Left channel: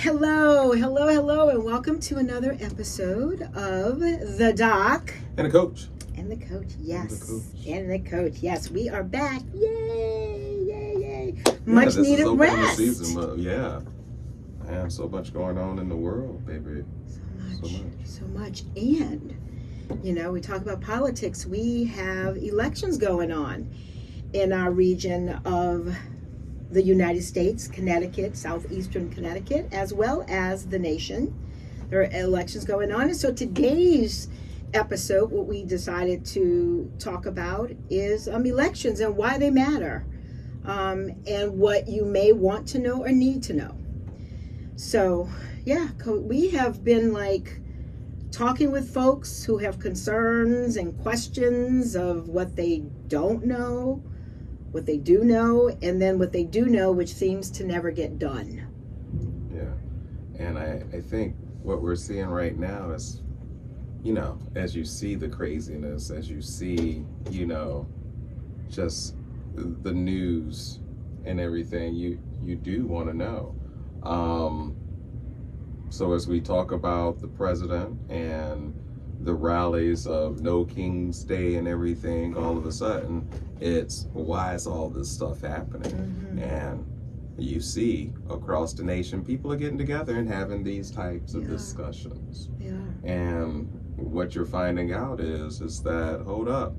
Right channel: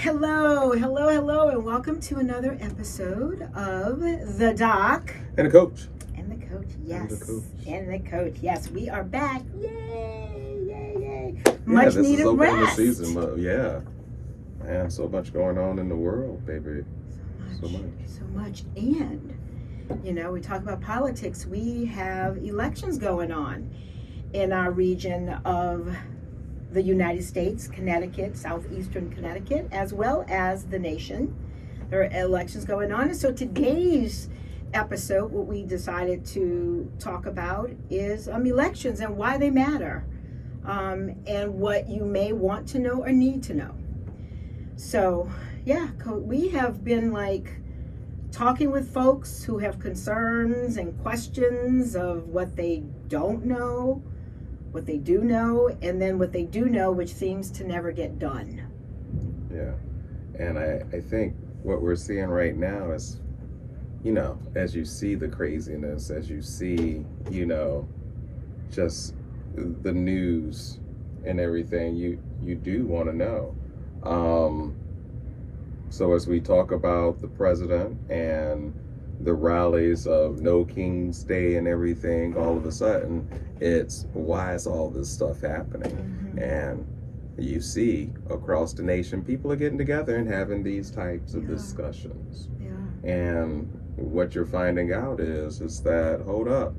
Hello, and welcome to another episode of The Doc. And the coach. And the coach, yes. And the coach. Yes, we are back. Yay. Much needed is rest. The season, but yeah. Man, so much going on in the world, baby. So much. And, we talk about politics. We have elections going on in our region of the United States, Connecticut, southeastern Connecticut, as well as the nation. There are elections going on. And so today's episode, what we decided to talk about is elections and why they matter, and what you may want to know or need to know. So, we have been talking with folks who have concerns and questions of what they don't know, what they do know, and then what they do know, which seems to never get done. Yeah. And I think what we're seeing right now is, as you see the craziness, as you see, just the news and everything, you do want to know. So as we talk about the president and the rallies of No King's Day and everything, all of a sudden, it's why is all this stuff happening? Mm-hmm. And you see across the nation, people are getting together and having these types of discussions. Yeah. And what you're finding out is that, hold up,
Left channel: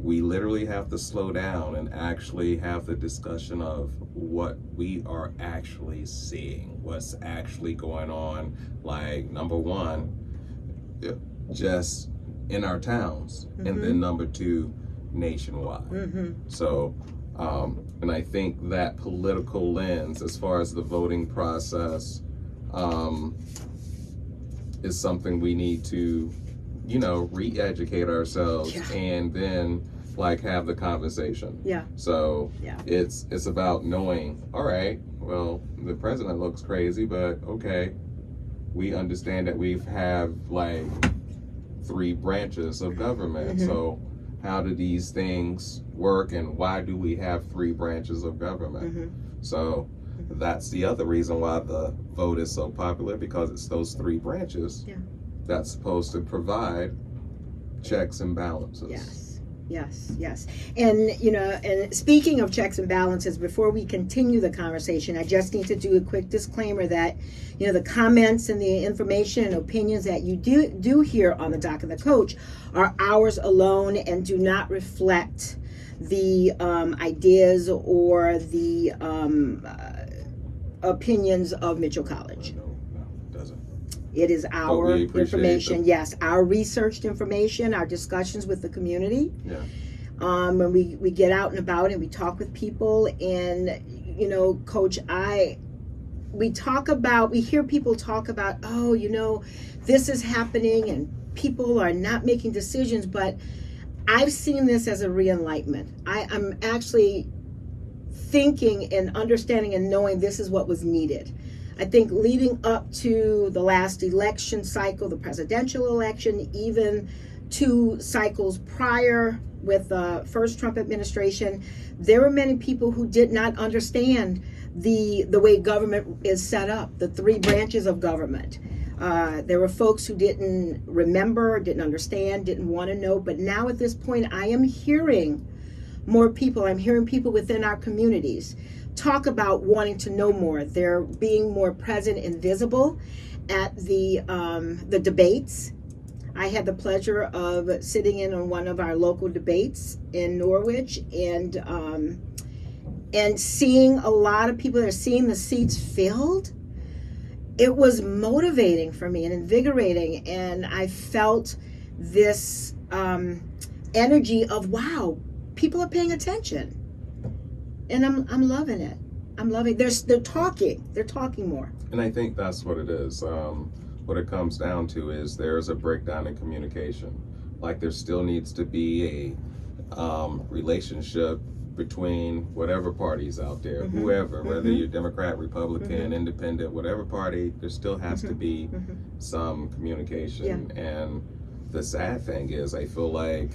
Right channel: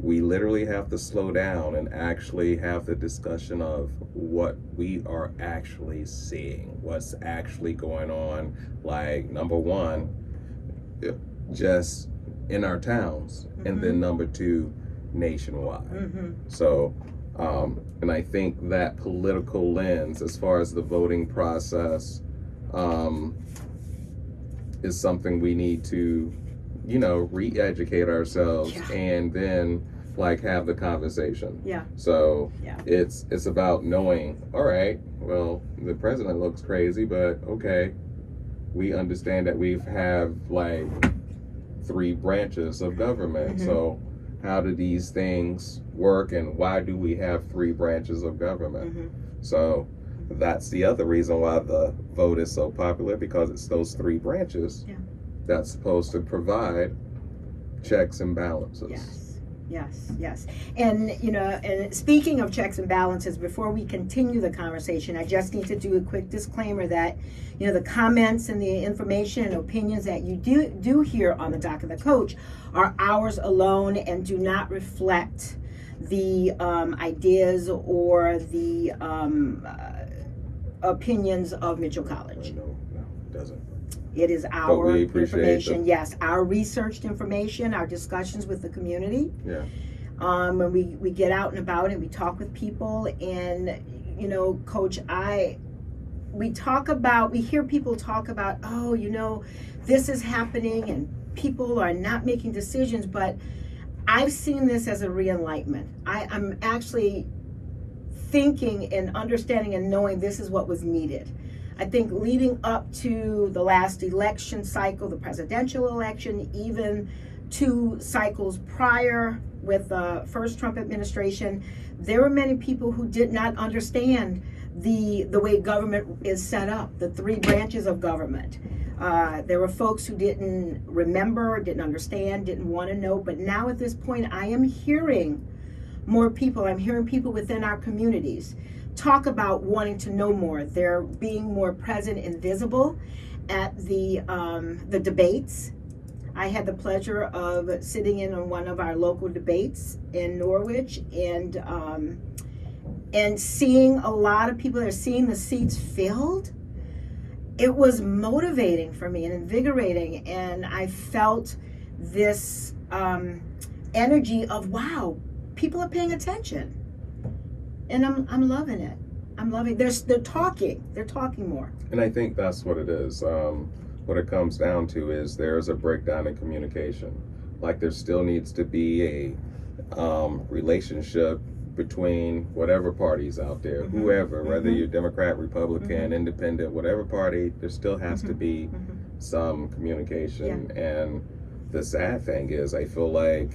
we literally have to slow down and actually have the discussion of what we are actually seeing, what's actually going on. Like, number one, just in our towns, Mm-hmm. and then number two, nationwide. Mm-hmm. So, and I think that political lens, as far as the voting process, is something we need to, re-educate ourselves, and then have the conversation. Yeah. So it's about knowing, all right, well, the president looks crazy, but okay, we understand that we have 3 branches of government. Mm-hmm. So how do these things work, and why do we have 3 branches of government? Mm-hmm. So that's the other reason why the vote is so popular, because it's those 3 branches that's supposed to provide checks and balances. Yes. And, and speaking of checks and balances, before we continue the conversation, I just need to do a quick disclaimer that, the comments and the information and opinions that you do hear on the Doc of the Coach are ours alone and do not reflect the ideas or the opinions of Mitchell College. No, it doesn't. It is our information. Them. Yes, our researched information, our discussions with the community. Yeah. When we get out and about and we talk with people, and Coach, we hear people talk about, this is happening and people are not making decisions, but I've seen this as a re-enlightenment. I'm actually thinking and understanding and knowing this is what was needed. I think leading up to the last election cycle, the presidential election, even 2 cycles prior with the first Trump administration, there were many people who did not understand the way government is set up, the 3 branches of government. There were folks who didn't remember, didn't understand, didn't want to know. But now at this point, I am hearing more people. I'm hearing people within our communities talk about wanting to know more. They're being more present and visible at the debates. I had the pleasure of sitting in on one of our local debates in Norwich, and seeing a lot of people that are seeing the seats filled. It was motivating for me and invigorating, and I felt this energy of, wow, people are paying attention. And I'm loving it. I'm loving it. They're talking more. And I think that's what it is. What it comes down to is there's a breakdown in communication. There still needs to be a relationship between whatever party's out there, Mm-hmm. whoever, Mm-hmm. whether you're Democrat, Republican, Mm-hmm. Independent, whatever party, there still has to be Mm-hmm. some communication. Yeah. And the sad thing is, I feel like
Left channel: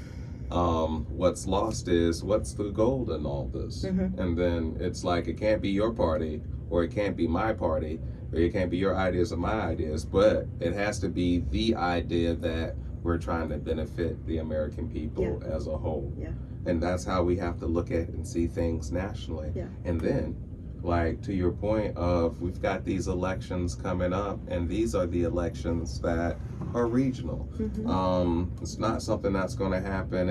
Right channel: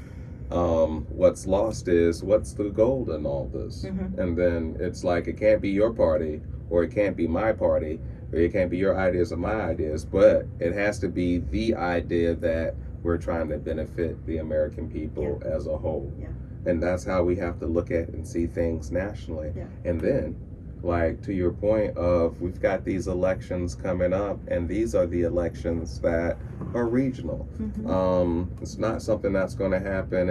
what's lost is what's the gold in all this. Mm-hmm. And then it's like, it can't be your party or it can't be my party, or it can't be your ideas or my ideas, but it has to be the idea that we're trying to benefit the American people as a whole. Yeah. And that's how we have to look at and see things nationally. Yeah. And then, like, to your point of, we've got these elections coming up, and these are the elections that are regional. It's not something that's going to happen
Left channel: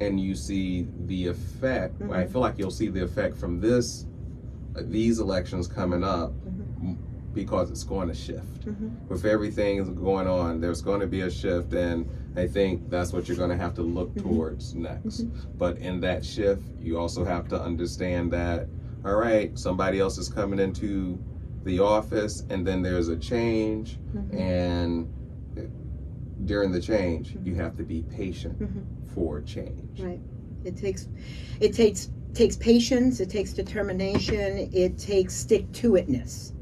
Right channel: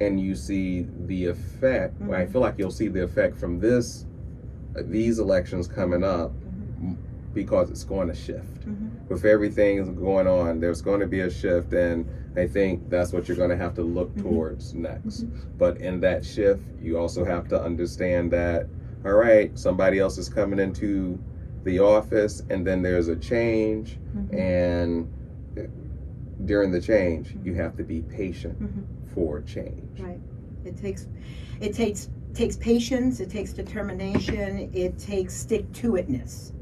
and you see the effect. I feel like you'll see the effect from these elections coming up, because it's going to shift. With everything going on, there's going to be a shift, and I think that's what you're going to have to look towards next. But in that shift, you also have to understand that, all right, somebody else is coming into the office, and then there's a change, and during the change, you have to be patient for change. Right. It takes patience, it takes determination, it takes stick-to-itness.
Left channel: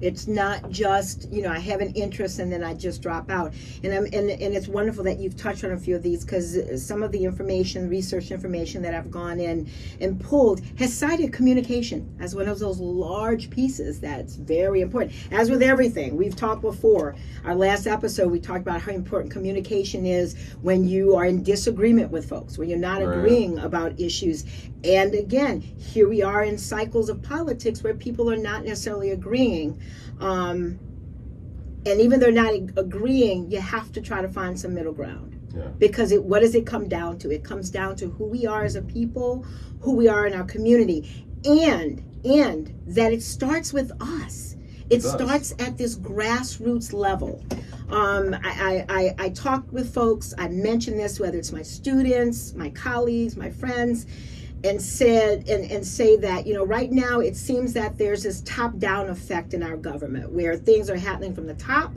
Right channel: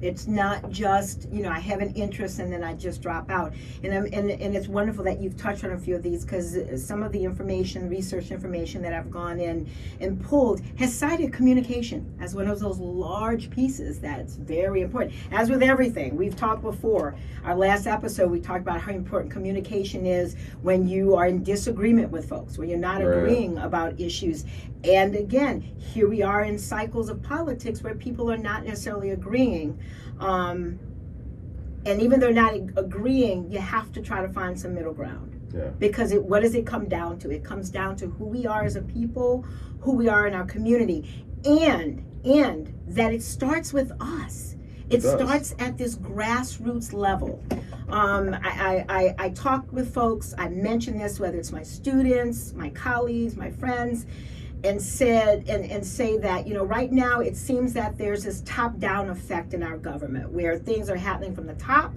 It's not just, I have an interest and then I just drop out. And it's wonderful that you've touched on a few of these, because some of the research information that I've gone in and pulled has cited communication as one of those large pieces that's very important. As with everything, we've talked before. Our last episode, we talked about how important communication is when you are in disagreement with folks, when you're not agreeing about issues. And again, here we are in cycles of politics where people are not necessarily agreeing. And even they're not agreeing, you have to try to find some middle ground. Yeah. Because what does it come down to? It comes down to who we are as a people, who we are in our community, and that it starts with us. It starts at this grassroots level. I talk with folks, I mention this, whether it's my students, my colleagues, my friends, and say that, right now it seems that there's this top-down effect in our government where things are happening from the top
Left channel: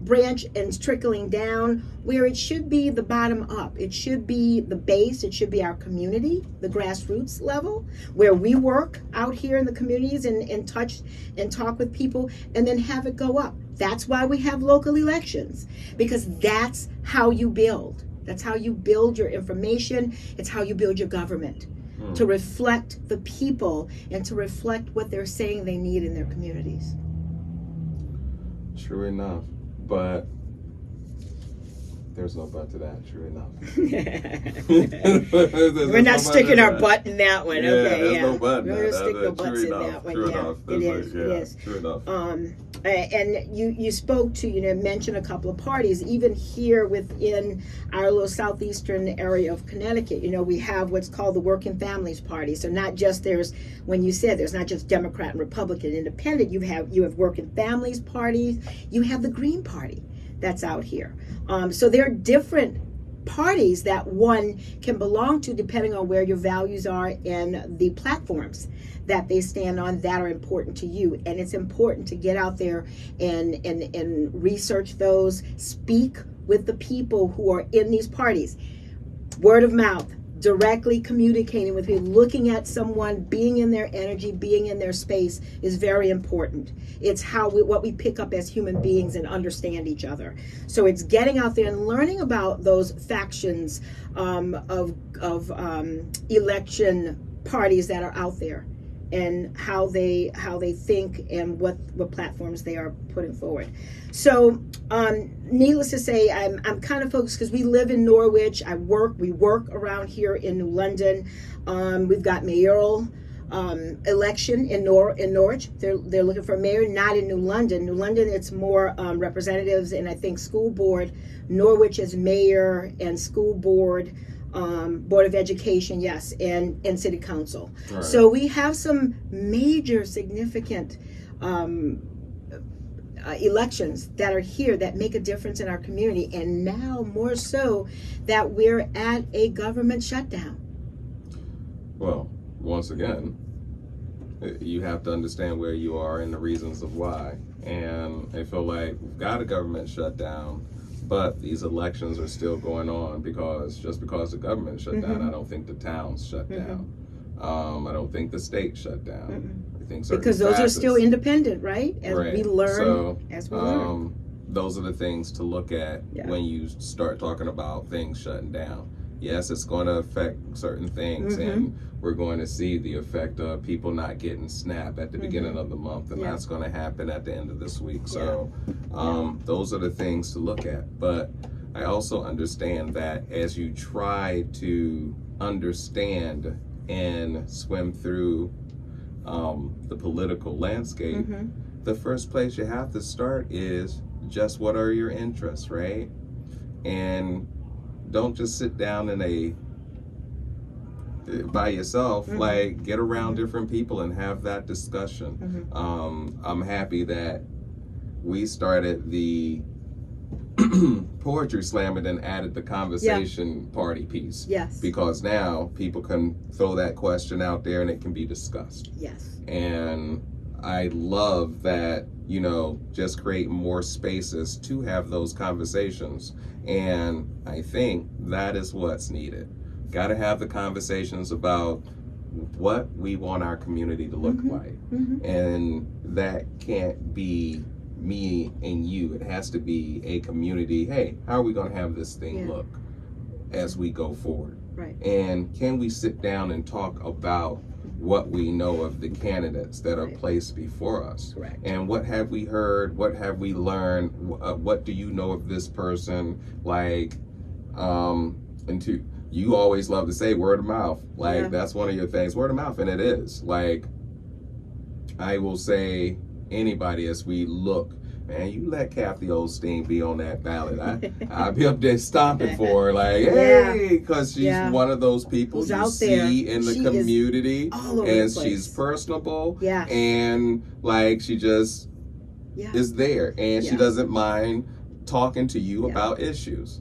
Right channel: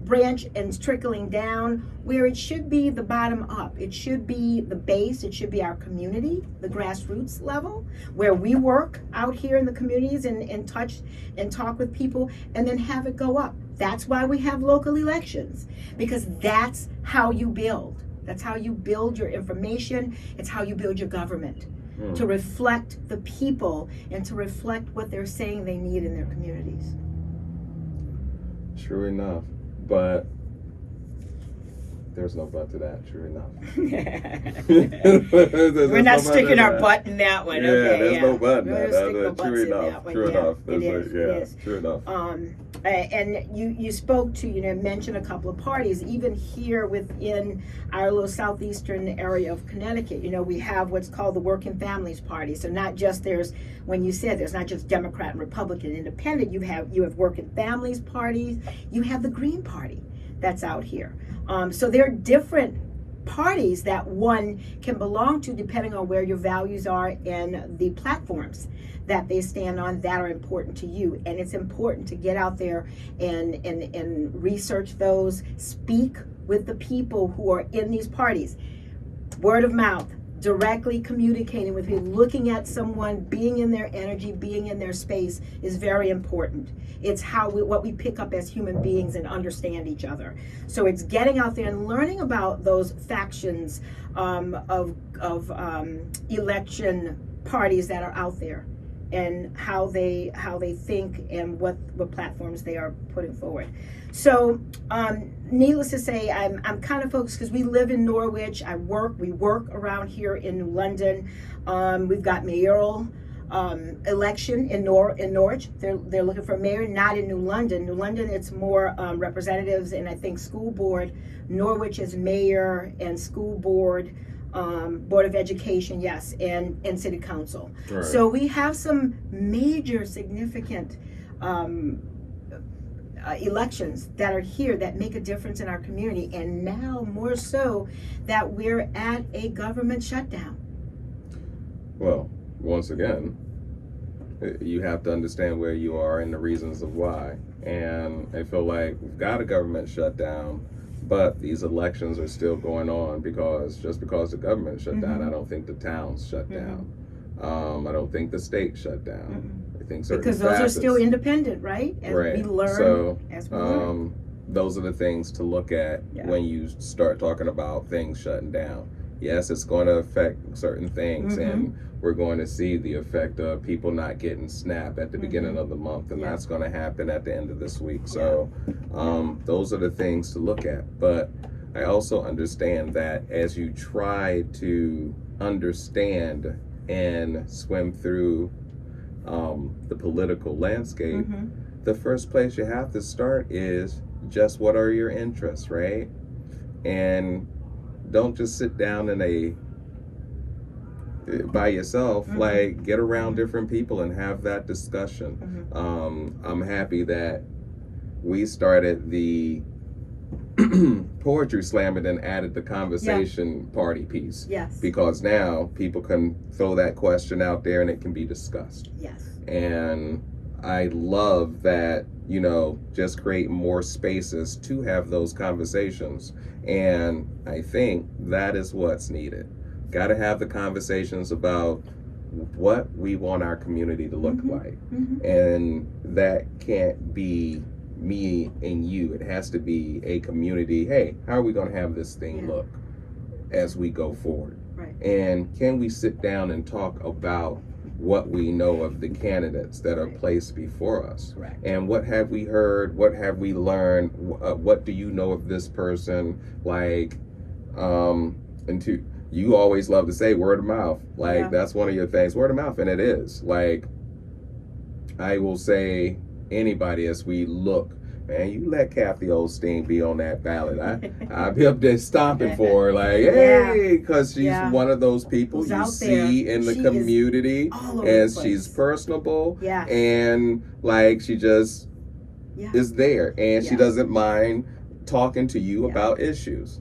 branch and trickling down, where it should be the bottom up. It should be the base. It should be our community, the grassroots level, where we work out here in the communities and touch and talk with people, and then have it go up. That's why we have local elections, because that's how you build. That's how you build your information. It's how you build your government. To reflect the people and to reflect what they're saying they need in their communities. True enough, but there's no but to that. True enough. We're not sticking our butt in that one. Yeah, okay, there's no but in that. True enough. True enough. It is. True enough. And you spoke to, mentioned a couple of parties, even here within our little southeastern area of Connecticut. We have what's called the Working Families Party. So not just there's not just Democrat and Republican, Independent. You have Working Families parties. You have the Green Party that's out here. So there are different parties that one can belong to depending on where your values are and the platforms that they stand on that are important to you. And it's important to get out there and research those, speak with the people who are in these parties. Word of mouth, directly communicating with people, looking at someone, being in their energy, being in their space is very important. It's what we pick up as human beings and understand each other. So it's getting out there and learning about those factions of election parties that are out there, and how they think and what platforms they are putting forward. So needless to say, I'm kind of focused because we live in Norwich. We work around here in New London. We've got mayoral election in Norwich. They're looking for a mayor, not in New London. New London, it's more representatives and I think school board. Norwich is mayor and school board. Board of Education, yes, and City Council. Right. So we have some major significant elections that are here that make a difference in our community, and now more so that we're at a government shutdown. Well, once again, you have to understand where you are and the reasons of why. And I feel like we've got a government shutdown, but these elections are still going on because the government shut down, I don't think the towns shut down. I don't think the state shut down. I think certain because those are still independent, right? As we learn. Those are the things to look at when you start talking about things shutting down. yes, it's going to affect certain things, Mm-hmm. and we're going to see the effect of people not getting SNAP at the beginning of the month, and Yeah. that's going to happen at the end of this week. So those are the things to look at. But I also understand that as you try to understand and swim through the political landscape, Mm-hmm. the first place you have to start is just what are your interests, right? And don't just sit down by yourself. Mm-hmm. Like, get around different people and have that discussion. Mm-hmm. I'm happy that we started the poetry slam and then added the conversation party piece. Yes. Because now people can throw that question out there and it can be discussed. Yes. And I love that, just create more spaces to have those conversations. And I think that is what's needed. Got to have the conversations about what we want our community to look Mm-hmm. like. Mm-hmm. And that can't be me and you. It has to be a community. Hey, how are we going to have this thing look as we go forward? Right. And can we sit down and talk about what we know of the candidates that are placed before us? Correct. And what have we heard? What have we learned? What do you know of this person? Like, you always love to say word of mouth. Like, that's one of your things, word of mouth. And it is. Like, I will say, anybody, as we look, man, you let Kathy Osteen be on that ballot. I'll be up there stomping for her, like, hey, because she's one of those people Who's you out see there. in the She community, all over and the place. she's personable, Yes. and like she just is there, and she doesn't mind talking to you about issues.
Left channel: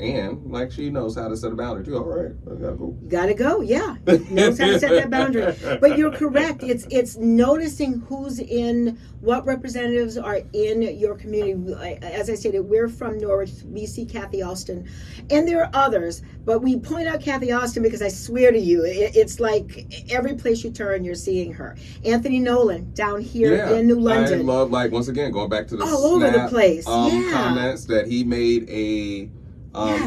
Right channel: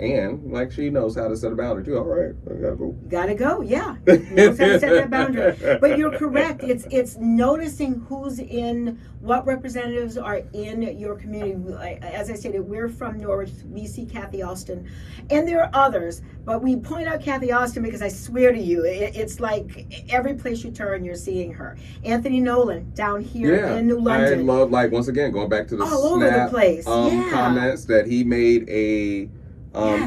And like she knows how to set a boundary too. All right, I gotta go. Gotta go, yeah. Knows how to set that boundary. But you're correct. It's noticing who's in, what representatives are in your community. As I stated, we're from Norwich. We see Kathy Austin, and there are others. But we point out Kathy Austin because I swear to you, it's like every place you turn, you're seeing her. Anthony Nolan down here in New London. I love, like, once again, going back to the all over the place. Comments that he made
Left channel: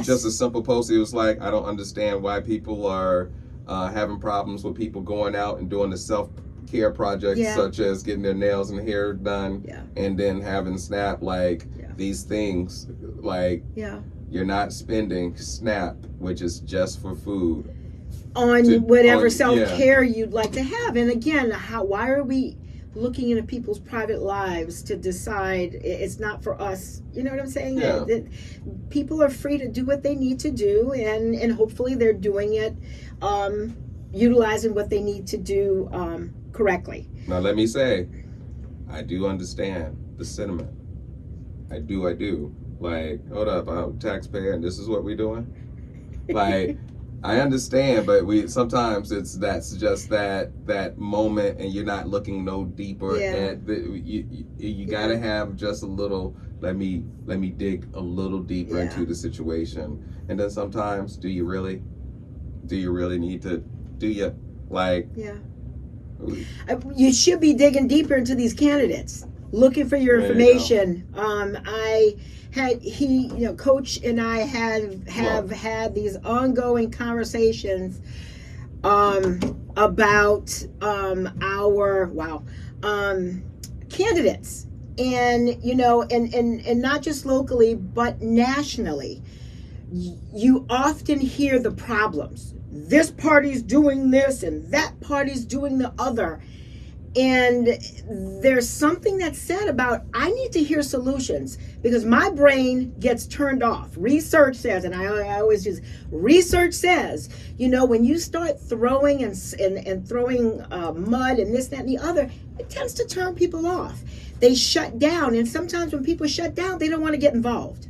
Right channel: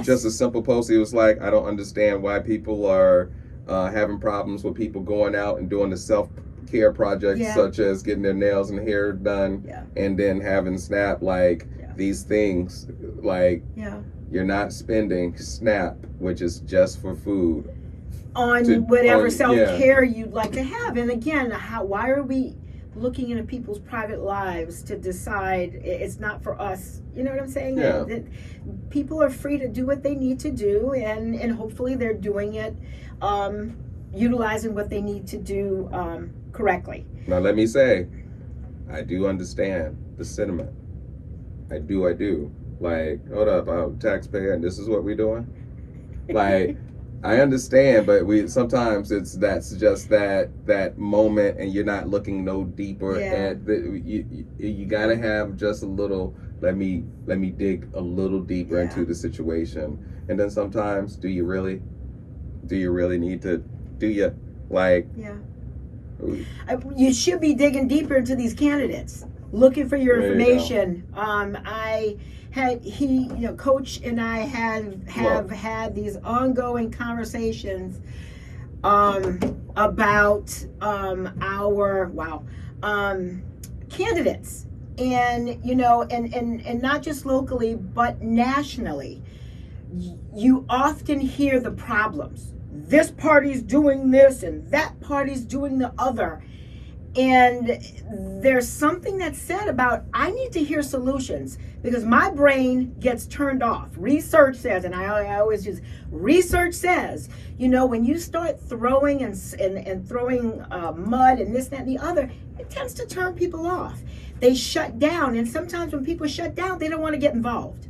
just a simple post. He was like, I don't understand why people are having problems with people going out and doing the self-care projects such as getting their nails and hair done and then having SNAP. Like, these things, like, you're not spending SNAP, which is just for food, on whatever self-care you'd like to have. And again, why are we looking into people's private lives to decide? It's not for us, you know what I'm saying? People are free to do what they need to do, and hopefully they're doing it utilizing what they need to do correctly. Now let me say, I do understand the sentiment. I do. Like, hold up, I'm a taxpayer and this is what we're doing? Like, I understand, but sometimes that's just that moment, and you're not looking no deeper at you gotta have just a little, let me dig a little deeper into the situation. And then sometimes, do you really need to, you should be digging deeper into these candidates, looking for your information. Coach and I have had these ongoing conversations about our candidates, and not just locally but nationally. You often hear the problems. This party's doing this and that party's doing the other. And there's something that's said about, I need to hear solutions, because my brain gets turned off. Research says, and I always use, research says, when you start throwing and throwing mud and this, that, and the other, it tends to turn people off. They shut down. And sometimes when people shut down, they don't want to get involved.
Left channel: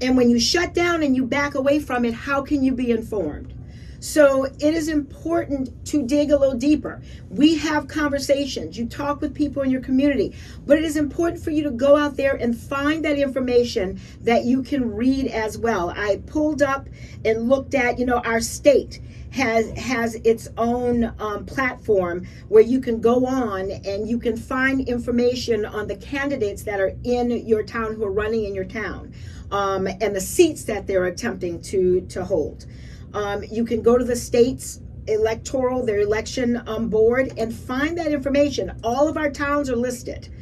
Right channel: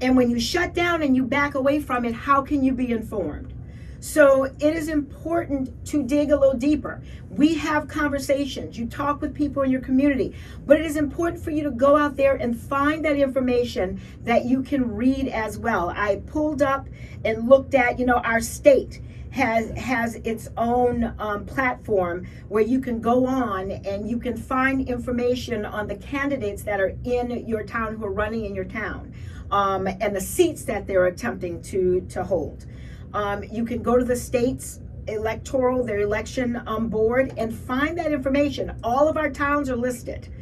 And when you shut down and you back away from it, how can you be informed? So it is important to dig a little deeper. We have conversations. You talk with people in your community. But it is important for you to go out there and find that information that you can read as well. I pulled up and looked at, our state has its own platform where you can go on and you can find information on the candidates that are in your town, who are running in your town. and the seats that they're attempting to hold. You can go to the state's their election board, and find that information. All of our towns are listed,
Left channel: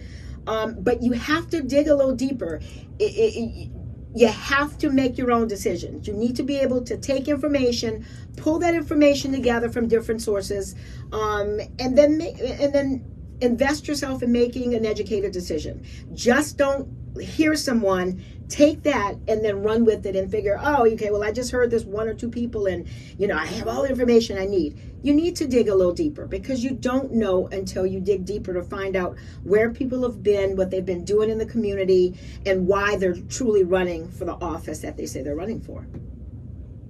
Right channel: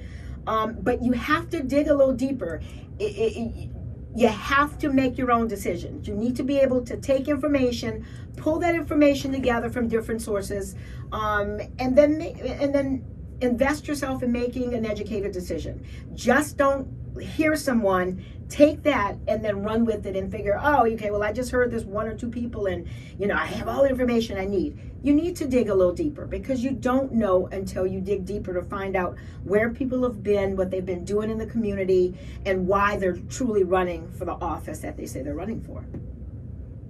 but you have to dig a little deeper. You have to make your own decisions. You need to be able to take information, pull that information together from different sources, and then invest yourself in making an educated decision. Just don't hear someone, take that, and then run with it and figure, oh, okay, well, I just heard this one or two people, and I have all the information I need. You need to dig a little deeper, because you don't know until you dig deeper to find out where people have been, what they've been doing in the community, and why they're truly running for the office that they say they're running for.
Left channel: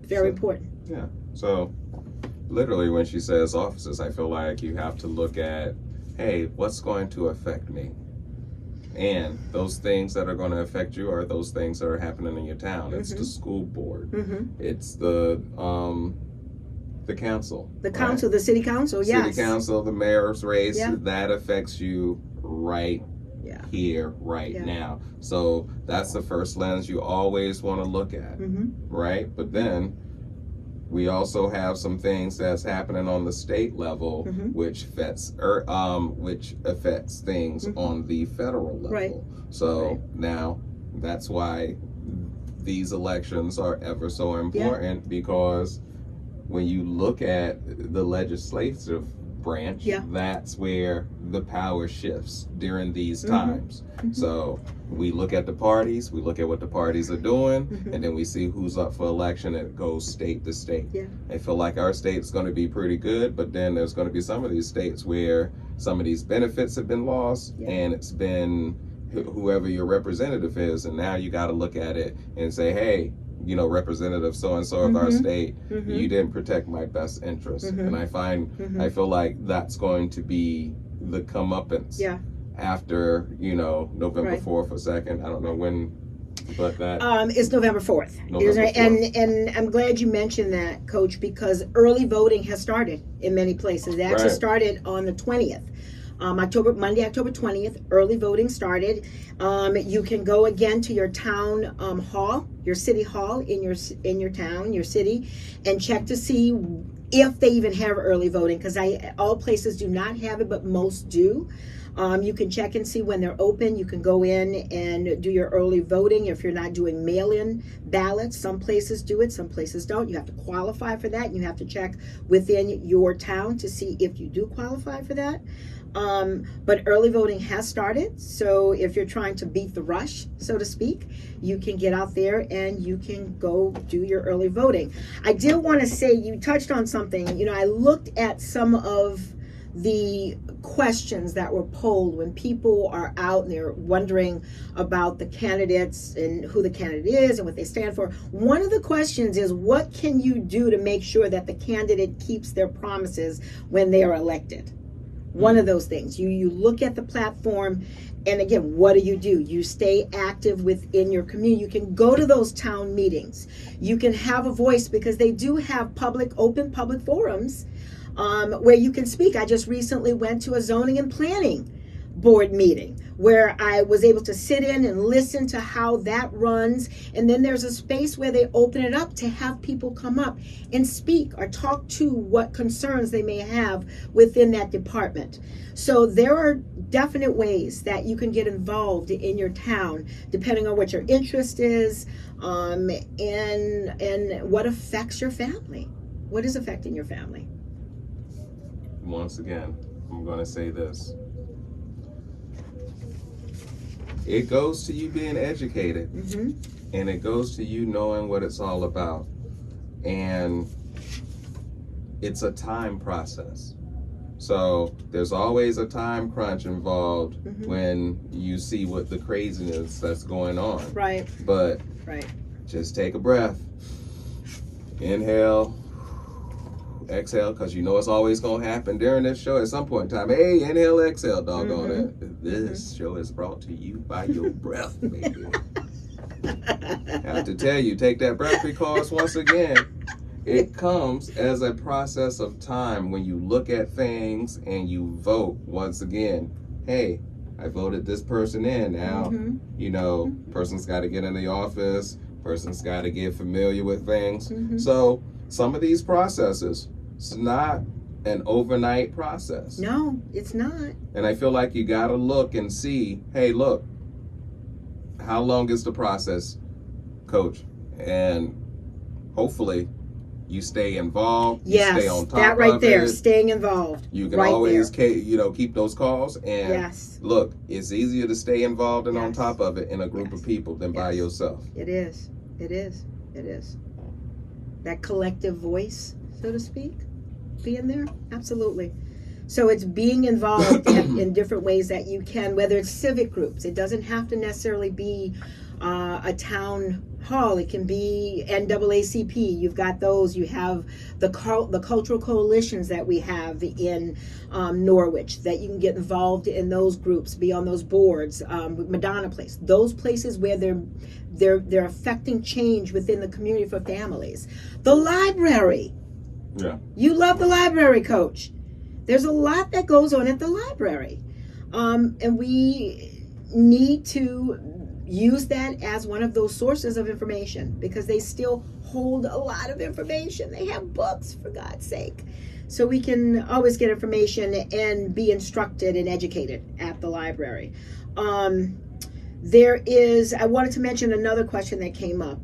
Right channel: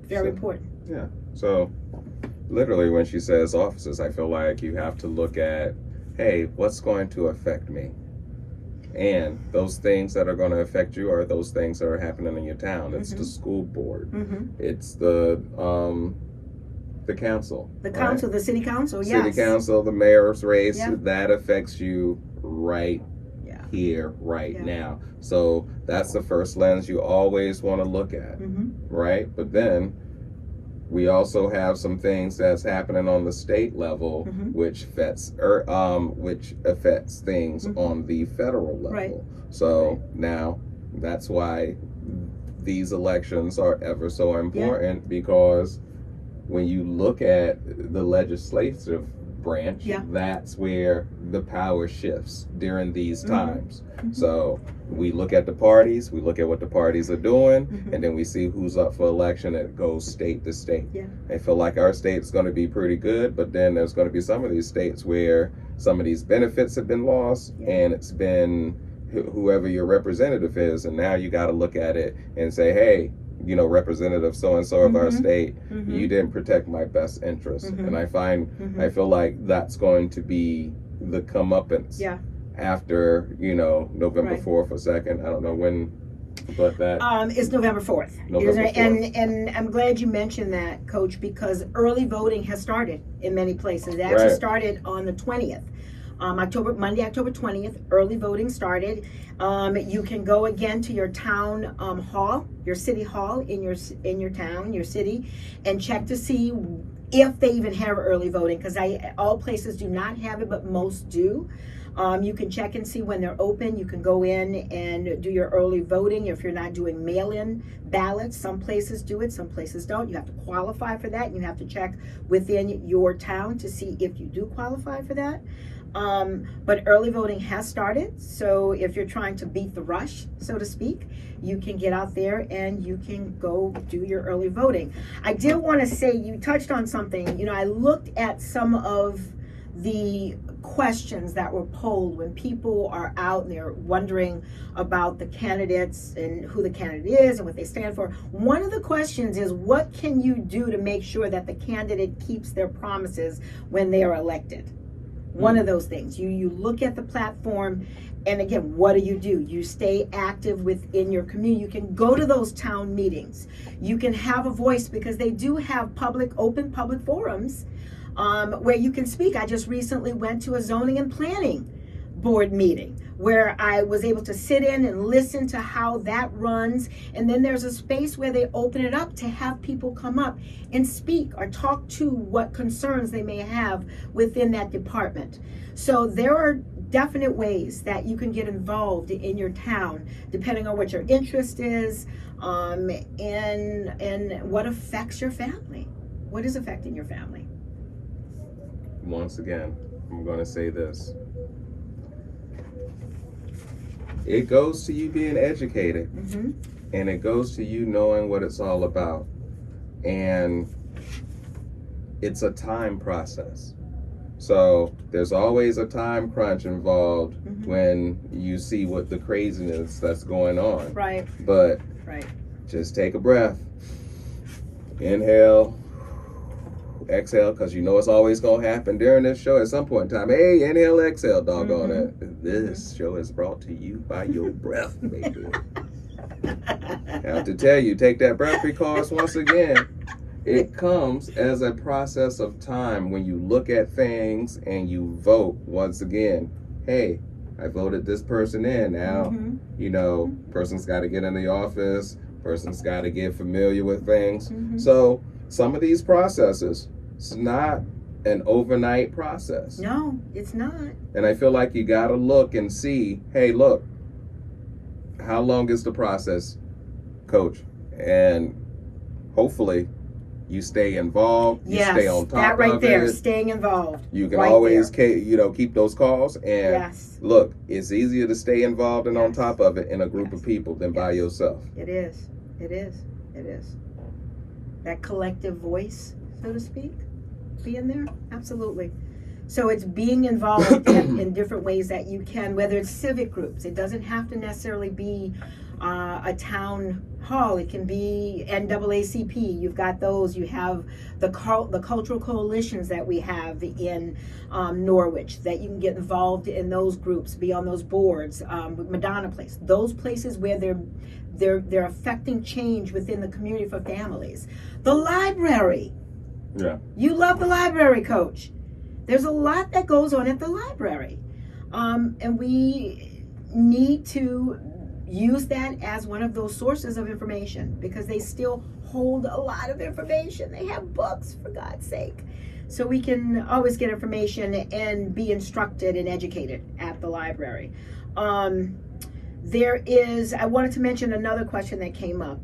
Very important. Yeah. So literally when she says offices, I feel like you have to look at, hey, what's going to affect me? And those things that are going to affect you are those things that are happening in your town. It's the school board. It's the council. The council, right? The city council, yes. City council, the mayor's race, that affects you right here, right now. So that's the first lens you always want to look at, right? But then we also have some things that's happening on the state level, which affects things on the federal level. Right. So now that's why these elections are ever so important, because when you look at the legislative branch, that's where the power shifts during these times. So we look at the parties, we look at what the parties are doing, and then we see who's up for election, and it goes state to state. I feel like our state's going to be pretty good, but then there's going to be some of these states where some of these benefits have been lost, and it's been whoever your representative is, and now you got to look at it and say, hey, representative so-and-so of our state, you didn't protect my best interest. And I feel like that's going to be the comeuppance after, November 4th or 2nd. I don't know when, but that... It's November 4th. November 4th. And I'm glad you mentioned that, Coach, because early voting has started in many places. It actually started on the 20th. Monday, October 20th, early voting started. You can go again to your town hall, your city hall in your town, your city, and check to see if they even have early voting, because all places do not have it, but most do. You can check and see when they're open. You can go in and do your early voting if you're not doing mail-in ballots. Some places do it, some places don't. You have to qualify for that. You have to check within your town to see if you do qualify for that. But early voting has started, so if you're trying to beat the rush, so to speak, you can get out there and you can go do your early voting. I did want to say, you touched on something. I looked at some of the questions that were polled when people are out and they're wondering about the candidates and who the candidate is and what they stand for. One of the questions is, what can you do to make sure that the candidate keeps their promises when they are elected? One of those things. You look at the platform, and again, what do? You stay active within your community. You can go to those town meetings. You can have a voice, because they do have open public forums where you can speak. I just recently went to a zoning and planning board meeting where I was able to sit in and listen to how that runs. And then there's a space where they open it up to have people come up and speak or talk to what concerns they may have within that department. So there are definite ways that you can get involved in your town, depending on what your interest is, and what affects your family. What is affecting your family? Once again, I'm going to say this. It goes to you being educated, and it goes to you knowing what it's all about. And it's a time process. So there's always a time crunch involved when you see what the craziness that's going on. Right. But just take a breath. Inhale. Exhale, because it's always going to happen during this show at some point in time. Hey, inhale, exhale, doggone it. This show is brought to you by your breath, baby. I have to tell you, take that breath, because once again, it comes as a process of time when you look at things and you vote. Once again, hey, I voted this person in. Now, Mhm. you know, person's got to get in the office, person's got to get familiar with things. Mhm. So some of these processes, it's not an overnight process. No, it's not. And I feel like you got to look and see, hey, look, how long is the process, coach? And hopefully you stay involved, you stay on top that right of there, it. staying involved. You can right always, there. keep those calls. And Yes, look, it's easier to stay involved and on Yes. top of it in a group Yes. of people than by Yes. yourself. it is. It is. It is. That collective voice, so to speak, being there, absolutely. So it's being involved in different ways that you can, whether it's civic groups. It doesn't have to necessarily be a town hall. It can be NAACP. You've got those. You have the cultural coalitions that we have in Norwich, that you can get involved in those groups, be on those boards. Madonna Place, those places where they're affecting change within the community for families. The library. Yeah. You love the library, Coach. There's a lot that goes on at the library. And we need to use that as one of those sources of information, because they still hold a lot of information. They have books, for God's sake. So we can always get information and be instructed and educated at the library. I wanted to mention another question that came up.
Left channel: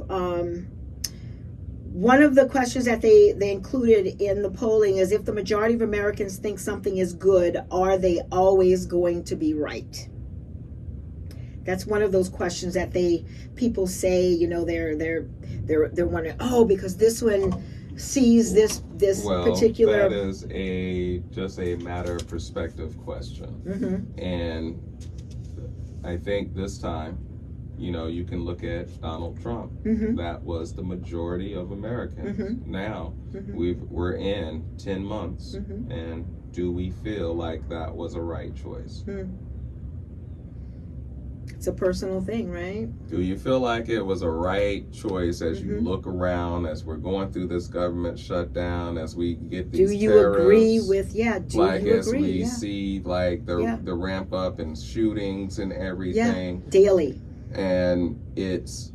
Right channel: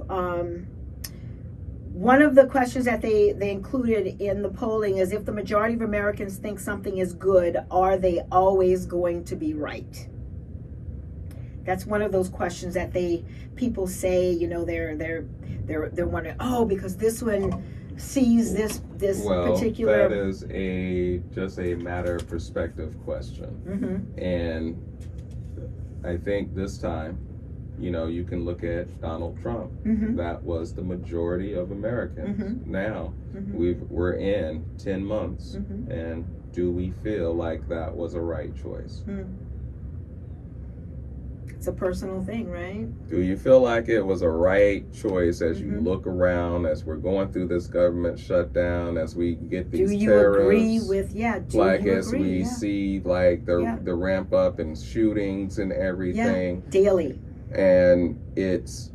One of the questions that they included in the polling is, if the majority of Americans think something is good, are they always going to be right? That's one of those questions that people say, they're wondering, oh, because this one sees this particular. That is just a matter of perspective question. Mm-hmm. And I think this time, you can look at Donald Trump. Mm-hmm. That was the majority of Americans. Mm-hmm. Now, Mm-hmm. we're in 10 months, Mm-hmm. and do we feel like that was a right choice? Mm. It's a personal thing, right? Do you feel like it was a right choice as you Mm-hmm. look around, as we're going through this government shutdown, as we get these Do you tariffs, agree with, do like you as agree? we Yeah. see like the Yeah. ramp up in shootings and everything, Daily. and it's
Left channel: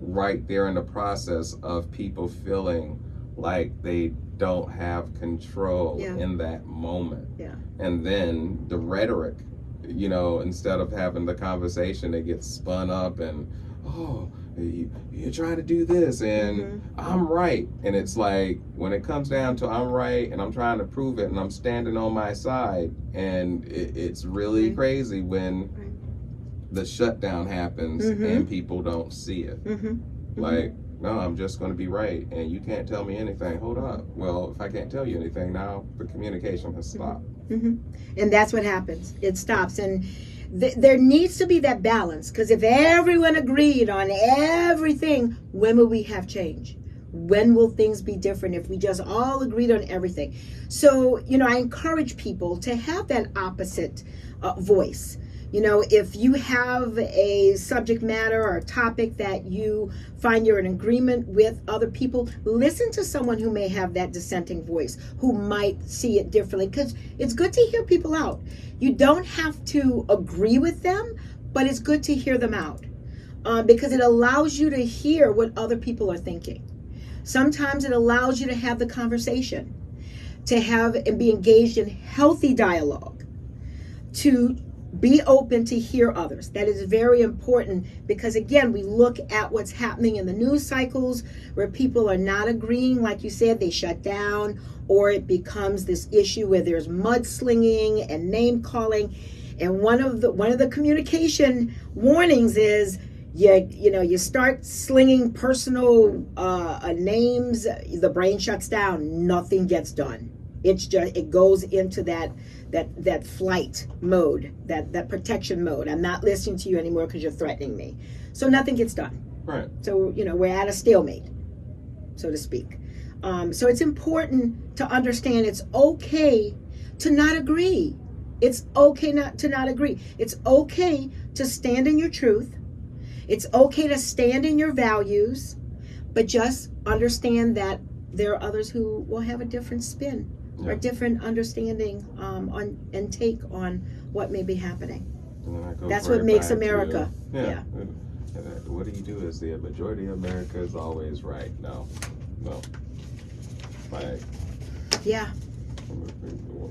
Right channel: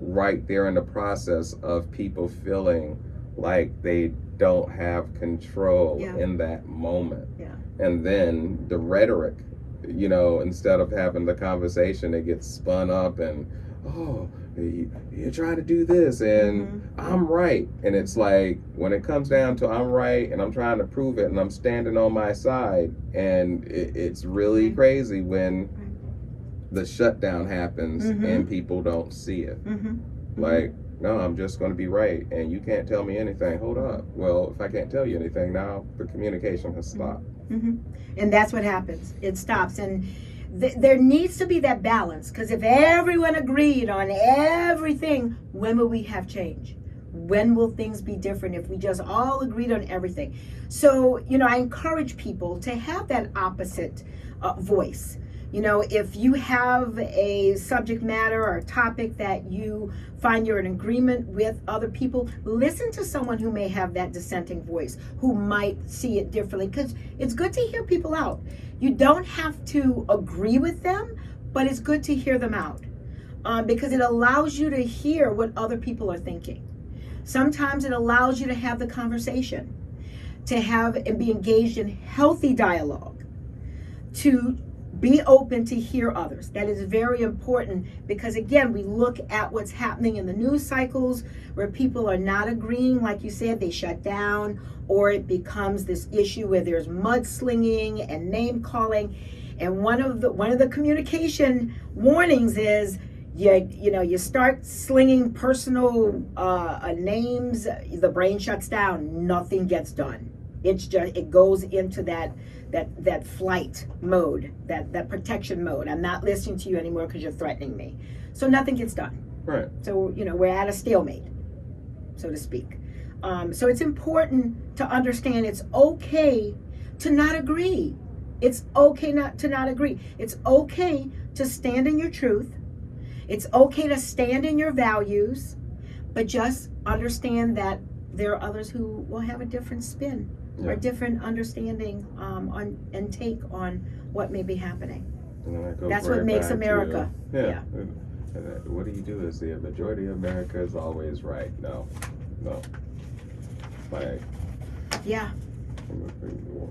right there in the process of people feeling like they don't have control Yeah. in that moment. Yeah. And then the rhetoric, instead of having the conversation, it gets spun up and, oh, you're trying to do this and I'm right. And it's like, when it comes down to I'm right and I'm trying to prove it and I'm standing on my side, and it's really crazy when the shutdown happens and people don't see it. Like, no, I'm just going to be right and you can't tell me anything. Hold up. Well, if I can't tell you anything, now the communication has stopped. And that's what happens. It stops. And there needs to be that balance, because if everyone agreed on everything, when will we have change? When will things be different if we just all agreed on everything? So, I encourage people to have that opposite voice. If you have a subject matter or a topic that you find you're in agreement with other people, listen to someone who may have that dissenting voice, who might see it differently, because it's good to hear people out. You don't have to agree with them, but it's good to hear them out, because it allows you to hear what other people are thinking. Sometimes it allows you to have the conversation, to have and be engaged in healthy dialogue, to be open to hear others. That is very important, because again, we look at what's happening in the news cycles where people are not agreeing. Like you said, they shut down, or it becomes this issue where there's mudslinging and name calling. And one of the communication warnings is, you start slinging personal names, the brain shuts down, nothing gets done. It goes into that flight mode, that protection mode. I'm not listening to you anymore because you're threatening me. So nothing gets done. Right. So, we're at a stalemate, so to speak. So it's important to understand it's okay to not agree. It's okay to not agree. It's okay to stand in your truth. It's okay to stand in your values, but just understand that there are others who will have a different spin or different understanding and take on what may be happening. And then that goes That's right what makes back to, America. yeah. Yeah. What do you do? Is the majority of America is always right? No. Like, Yeah.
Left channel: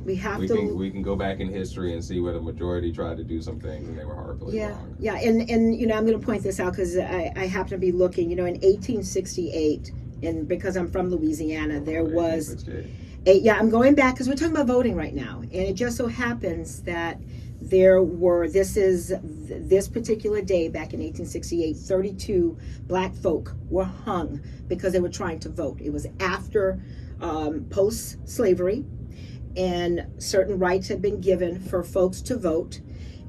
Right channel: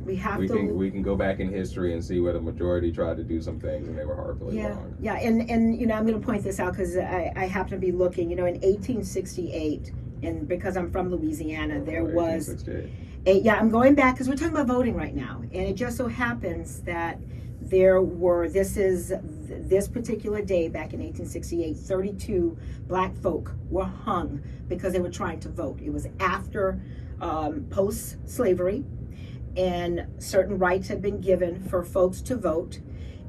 We have we to. we can go back in history and see where the majority tried to do some things and they were horribly Yeah, wrong. yeah, and you know, I'm going to point this out because I happen to be looking. You know, in 1868, and because I'm from Louisiana, there was 1868. yeah. I'm going back because we're talking about voting right now, and it just so happens that there were. This particular day back in 1868, 32 black folk were hung because they were trying to vote. It was after post-slavery, and certain rights had been given for folks to vote.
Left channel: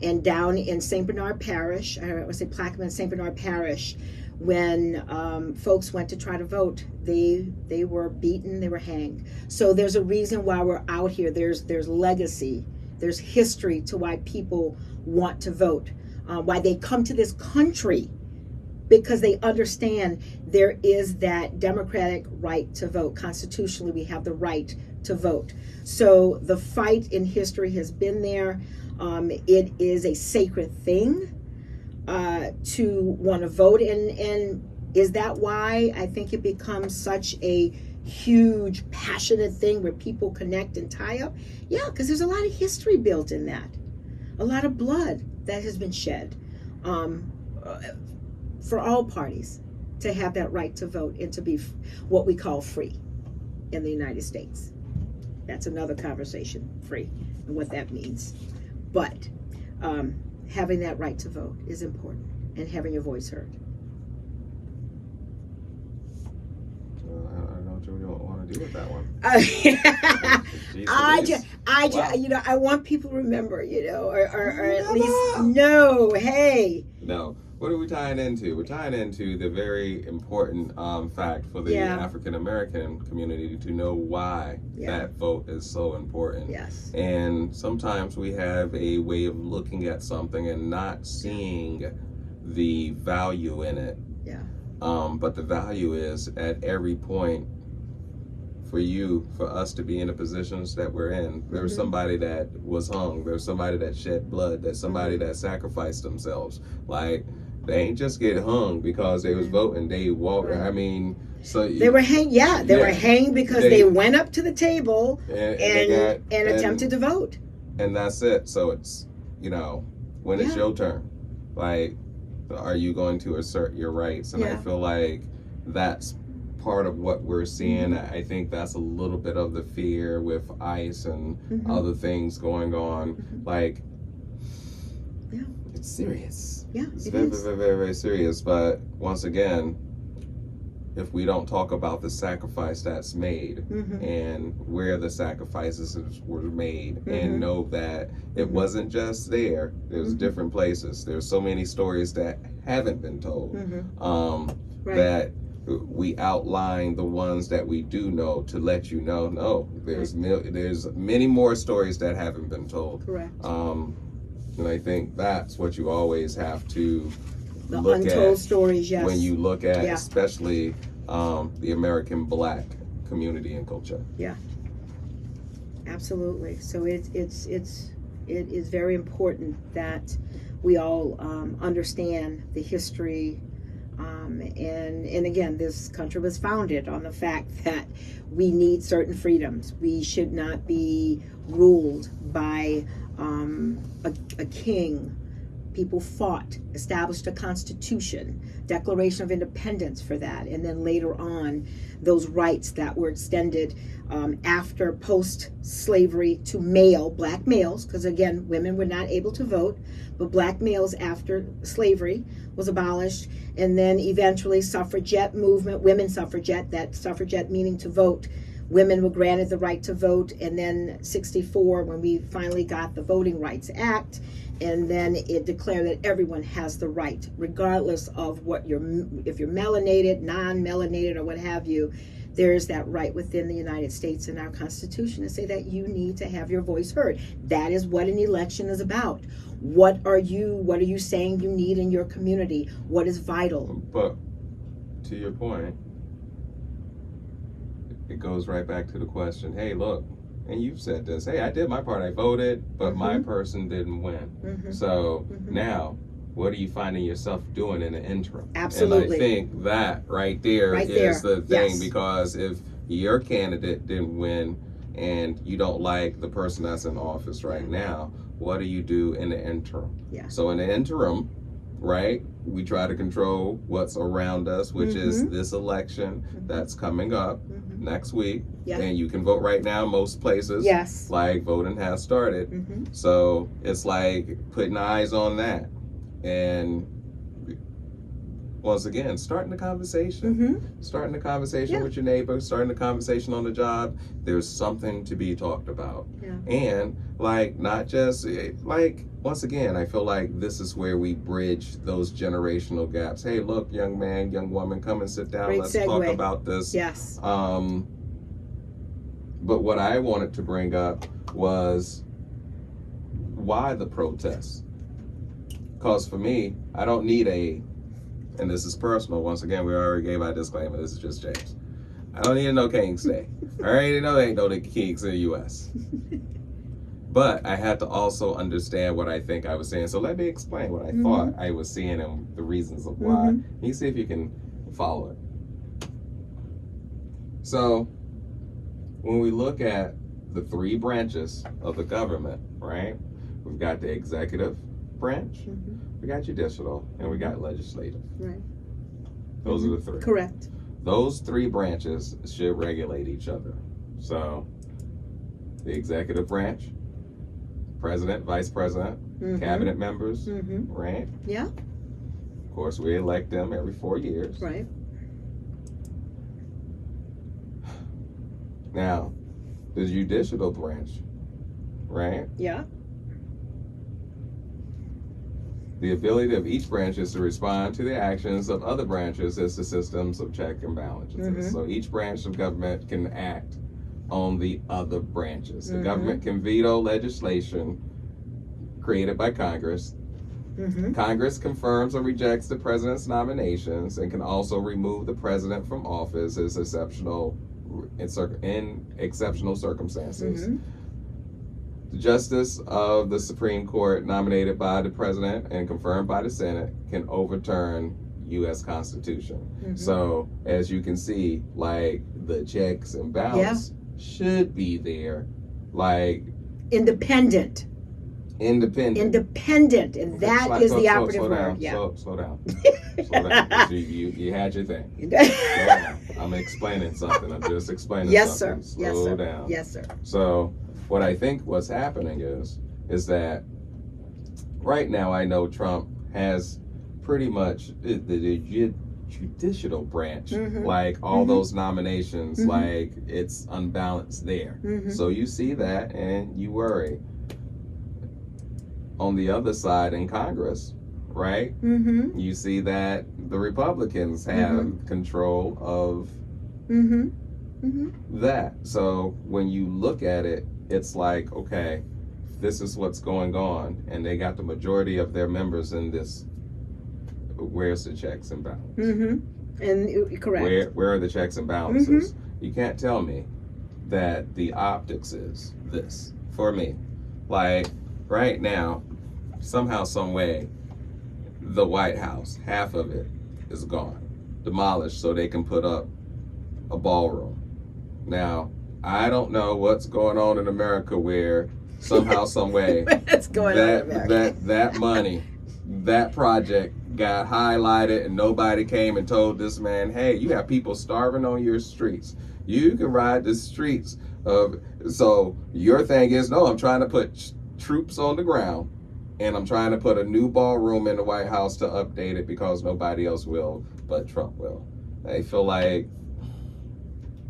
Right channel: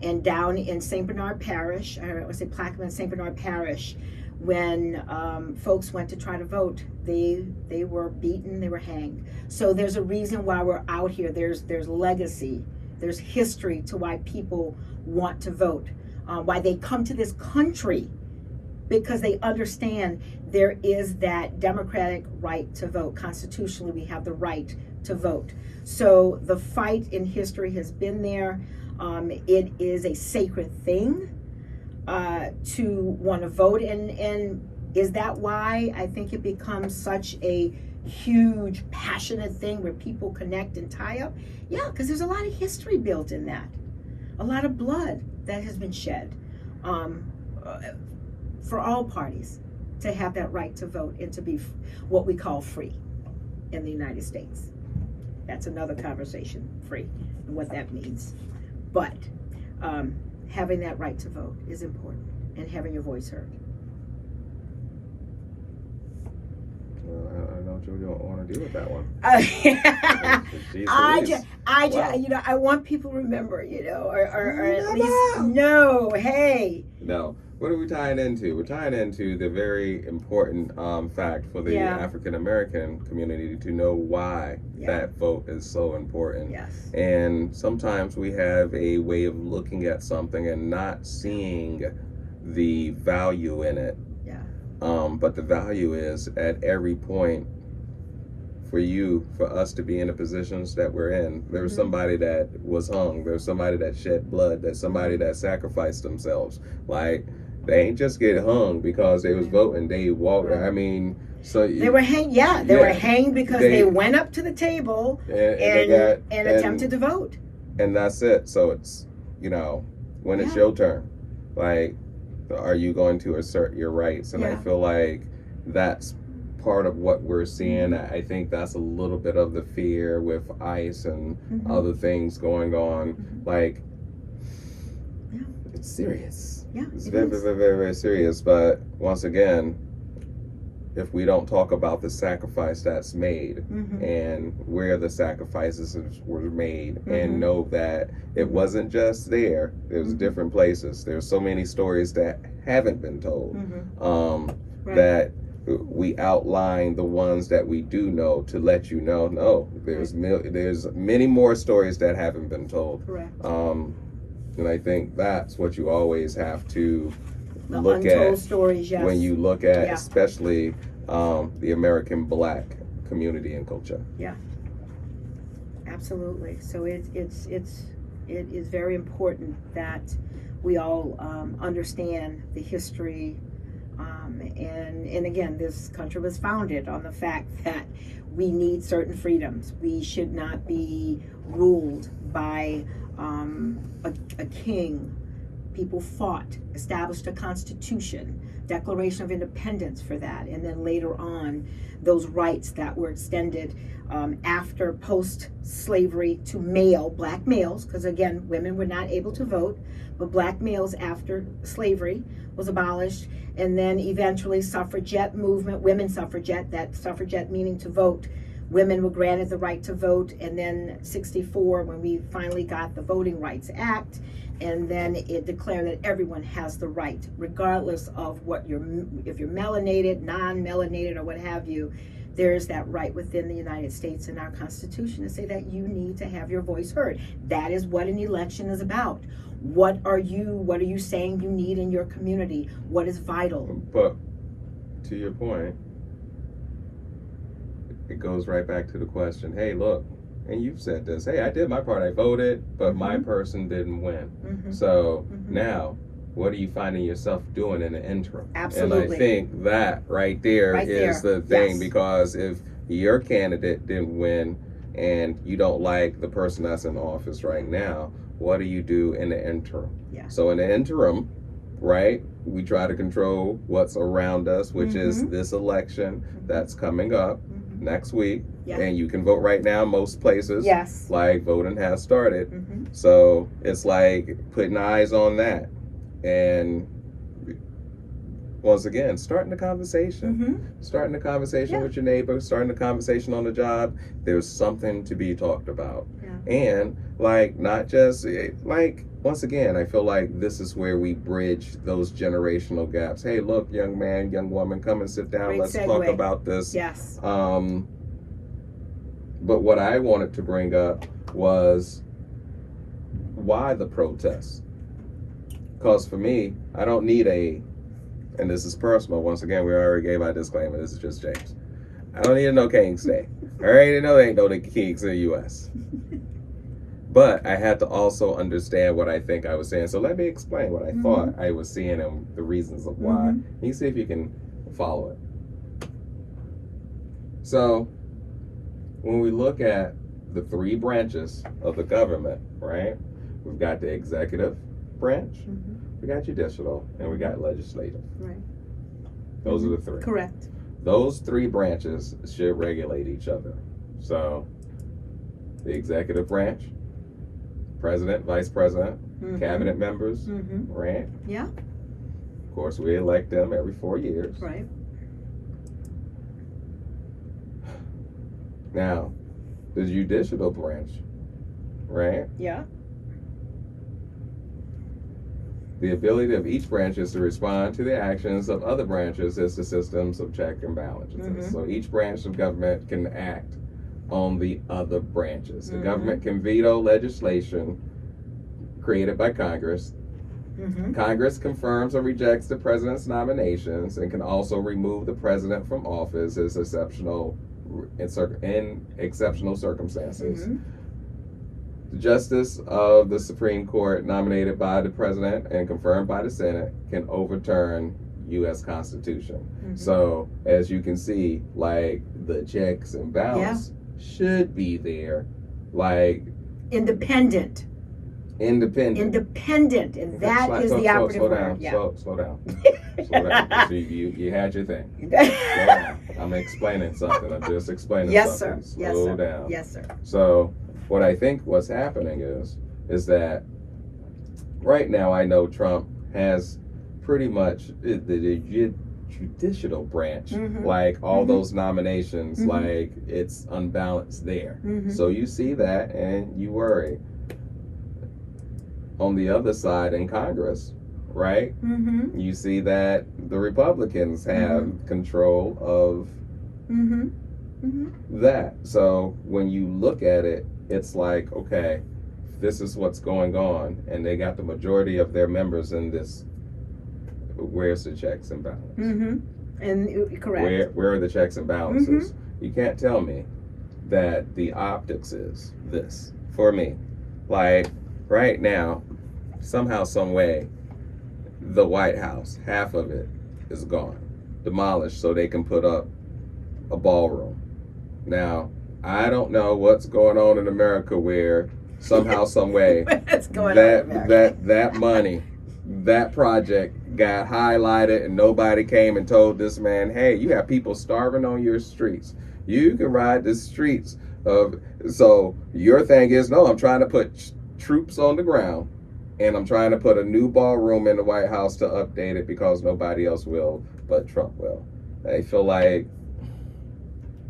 And down in St. Bernard Parish, I would say Plaquemine, St. Bernard Parish, when folks went to try to vote, they were beaten, they were hanged. So there's a reason why we're out here. There's legacy, there's history to why people want to vote, why they come to this country, because they understand there is that democratic right to vote. Constitutionally, we have the right to vote. So the fight in history has been there. It is a sacred thing to want to vote, and is that why I think it becomes such a huge, passionate thing where people connect and tie up? Yeah, because there's a lot of history built in that, a lot of blood that has been shed for all parties to have that right to vote and to be what we call free in the United States. That's another conversation, free, and what that means. But having that right to vote is important, and having your voice heard. Well, I don't know what you don't want to do with that one. You know, I want people to remember, you know, or at least know, hey. No. What are we tying into? We're tying into the very important fact for the African American community to know why that vote is so important. Yes. And sometimes we have a way of looking at something and not seeing the value in it. Yeah. But the value is at every point for us to be in the positions that we're in. There's somebody that was hung. There's somebody that shed blood. There's somebody that sacrificed themselves. Like, they ain't just get hung because they was voting. They walked. I mean, so they were hanged. Yeah, they were hanged because they went up to the table and attempted to vote. And that's it. So it's, you know, when it's your turn, like, are you going to assert your rights? And I feel like that's part of what we're seeing. I think that's a little bit of the fear with ICE and other things going on. Like, it's serious. Yeah, it's very, very serious. But once again, if we don't talk about the sacrifice that's made and where the sacrifices were made, and know that it wasn't just there, there's different places. There's so many stories that haven't been told, that we outline the ones that we do know to let you know, no, there's many more stories that haven't been told. Correct. And I think that's what you always have to the look untold at stories, when you look at especially the American Black community and culture. Yeah, absolutely. So it is very important that we all understand the history, and again, this country was founded on the fact that we need certain freedoms. We should not be ruled by a king. People fought, established a constitution, Declaration of Independence for that, and then later on, those rights that were extended after post-slavery to black males, because again, women were not able to vote, but black males after slavery was abolished, and then eventually suffragette movement, women suffragette, that suffragette meaning to vote. Women were granted the right to vote, and then 64, when we finally got the Voting Rights Act, and then it declared that everyone has the right, regardless of if you're melanated, non-melanated, or what have you, there's that right within the United States and our Constitution to say that you need to have your voice heard. That is what an election is about. What are you saying you need in your community? What is vital? But to your point, it goes right back to the question, hey, look, and you've said this, hey, I did my part, I voted, but my person didn't win. So now, what are you finding yourself doing in the interim? Absolutely. And I think that right there is the thing, because if your candidate didn't win and you don't like the person that's in office right now, what do you do in the interim? So in the interim, right, we try to control what's around us, which is this election that's coming up next week. And you can vote right now most places. Like voting has started. So it's like putting eyes on that. And once again, starting the conversation. Starting the conversation with your neighbor, starting the conversation on the job. There's something to be talked about. And like, not just like, once again, I feel like this is where we bridge those generational gaps. Hey, look, young man, young woman, come and sit down. Great Let's segue. talk about this. But what I wanted to bring up was why the protests? Because for me, I don't need and this is personal, once again, we already gave our disclaimer, this is just James. I don't need to know King's Day. I already know there ain't no Kings in the U.S. But I had to also understand what I think I was saying. So let me explain what I thought I was seeing and the reasons of why. You see if you can follow it. So when we look at the three branches of the government, right? We've got the executive branch, we got judicial, and we got legislative. Those are the three. Correct. Those three branches should regulate each other. So the executive branch, president, vice president, cabinet members, right? Of course, we elect them every 4 years. Now, the judicial branch, right? The ability of each branch is to respond to the actions of other branches as the systems of check and balances. So each branch of government can act on the other branches. The government can veto legislation created by Congress. Congress confirms or rejects the president's nominations and can also remove the president from office in exceptional circumstances. The justice of the Supreme Court, nominated by the president and confirmed by the Senate, can overturn U.S. Constitution. So as you can see, like, the checks and balance should be there, like independent, and that is the operative word. Slow down. You had your thing. Slow down. I'm explaining something. I'm just explaining something. Slow down. Yes, sir. So what I think what's happening is that right now I know Trump has pretty much the judicial branch, like all those nominations, like it's unbalanced there. So you see that and you worry. On the other side in Congress, right? You see that the Republicans have control of that. So when you look at it, it's like, okay, this is what's going on, and they got the majority of their members in this. Where's the checks and balances? And correct. Where are the checks and balances? You can't tell me that the optics is this for me. Like right now, somehow, some way, the White House, half of it is gone, demolished, so they can put up a ballroom. Now, I don't know what's going on in America where somehow, some way, that money, that project got highlighted and nobody came and told this man, hey, you have people starving on your streets. You can ride the streets so your thing is, no, I'm trying to put troops on the ground and I'm trying to put a new ballroom in the White House to update it because nobody else will, but Trump will. I feel like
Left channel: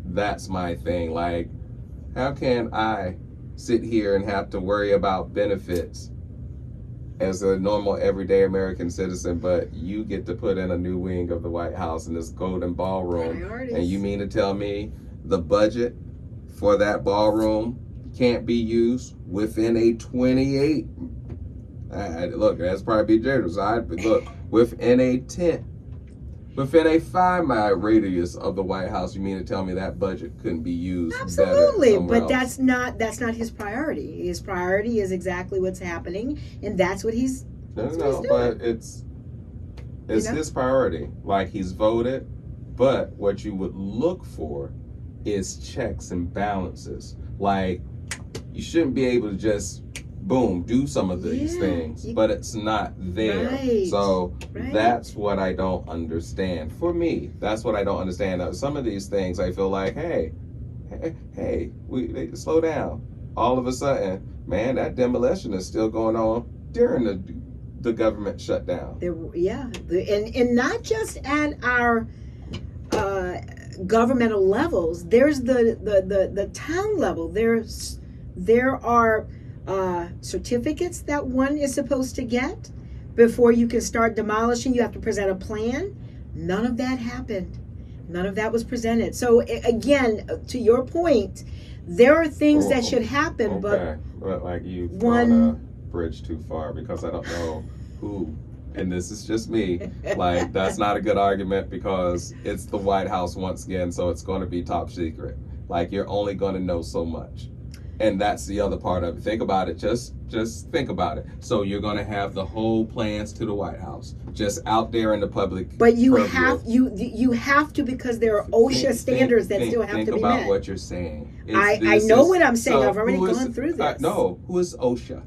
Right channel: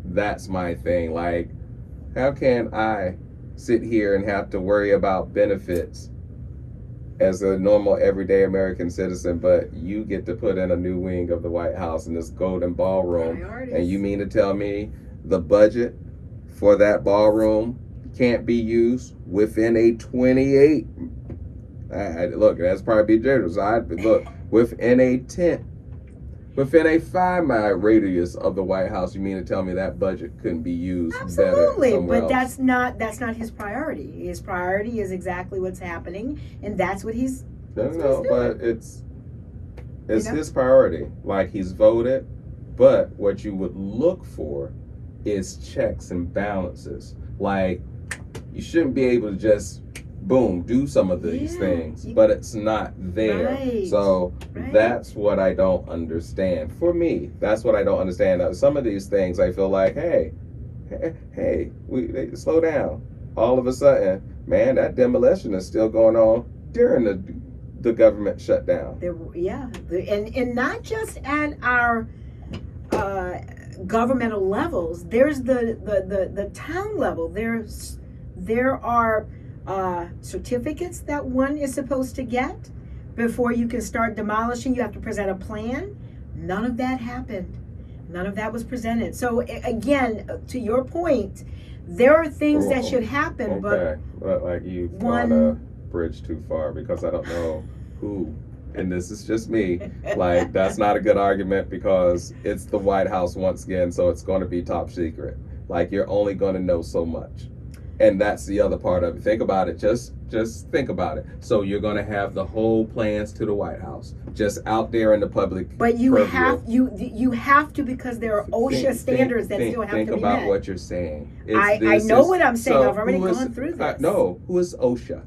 that's my thing. Like, how can I sit here and have to worry about benefits as a normal everyday American citizen, but you get to put in a new wing of the White House in this golden ballroom? Priorities. And you mean to tell me the budget for that ballroom can't be used within a 28? Look, that's probably generous. Look, within a 10 within a 5-mile radius of the White House, you mean to tell me that budget couldn't be used Absolutely, better somewhere but else? that's not his priority. His priority is exactly what's happening, and that's what he's No, but it's You know? his priority. Like, he's voted, but what you would look for is checks and balances. Like, you shouldn't be able to just boom do some of these things, but it's not there. Right, So right. that's what I don't understand. For me, that's what I don't understand. Some of these things I feel like, hey, we slow down. All of a sudden, man, that demolition is still going on during the government shutdown. And not just at our governmental levels. There's the town level. There are certificates that one is supposed to get before you can start demolishing. You have to present a plan. None of that happened. None of that was presented. So again, to your point, there are things that should happen, but like you've one gone a bridge too far, because I don't know who, and this is just me, like, that's not a good argument, because it's the White House once again, so it's going to be top secret. Like, you're only going to know so much. And that's the other part of it. Think about it. Just think about it. So you're going to have the whole plans to the White House just out there in the public. But you purview. you have to, because there are OSHA standards that still have to be met. Think about what you're saying. I know what I'm saying. I've already gone through this. No, who is OSHA?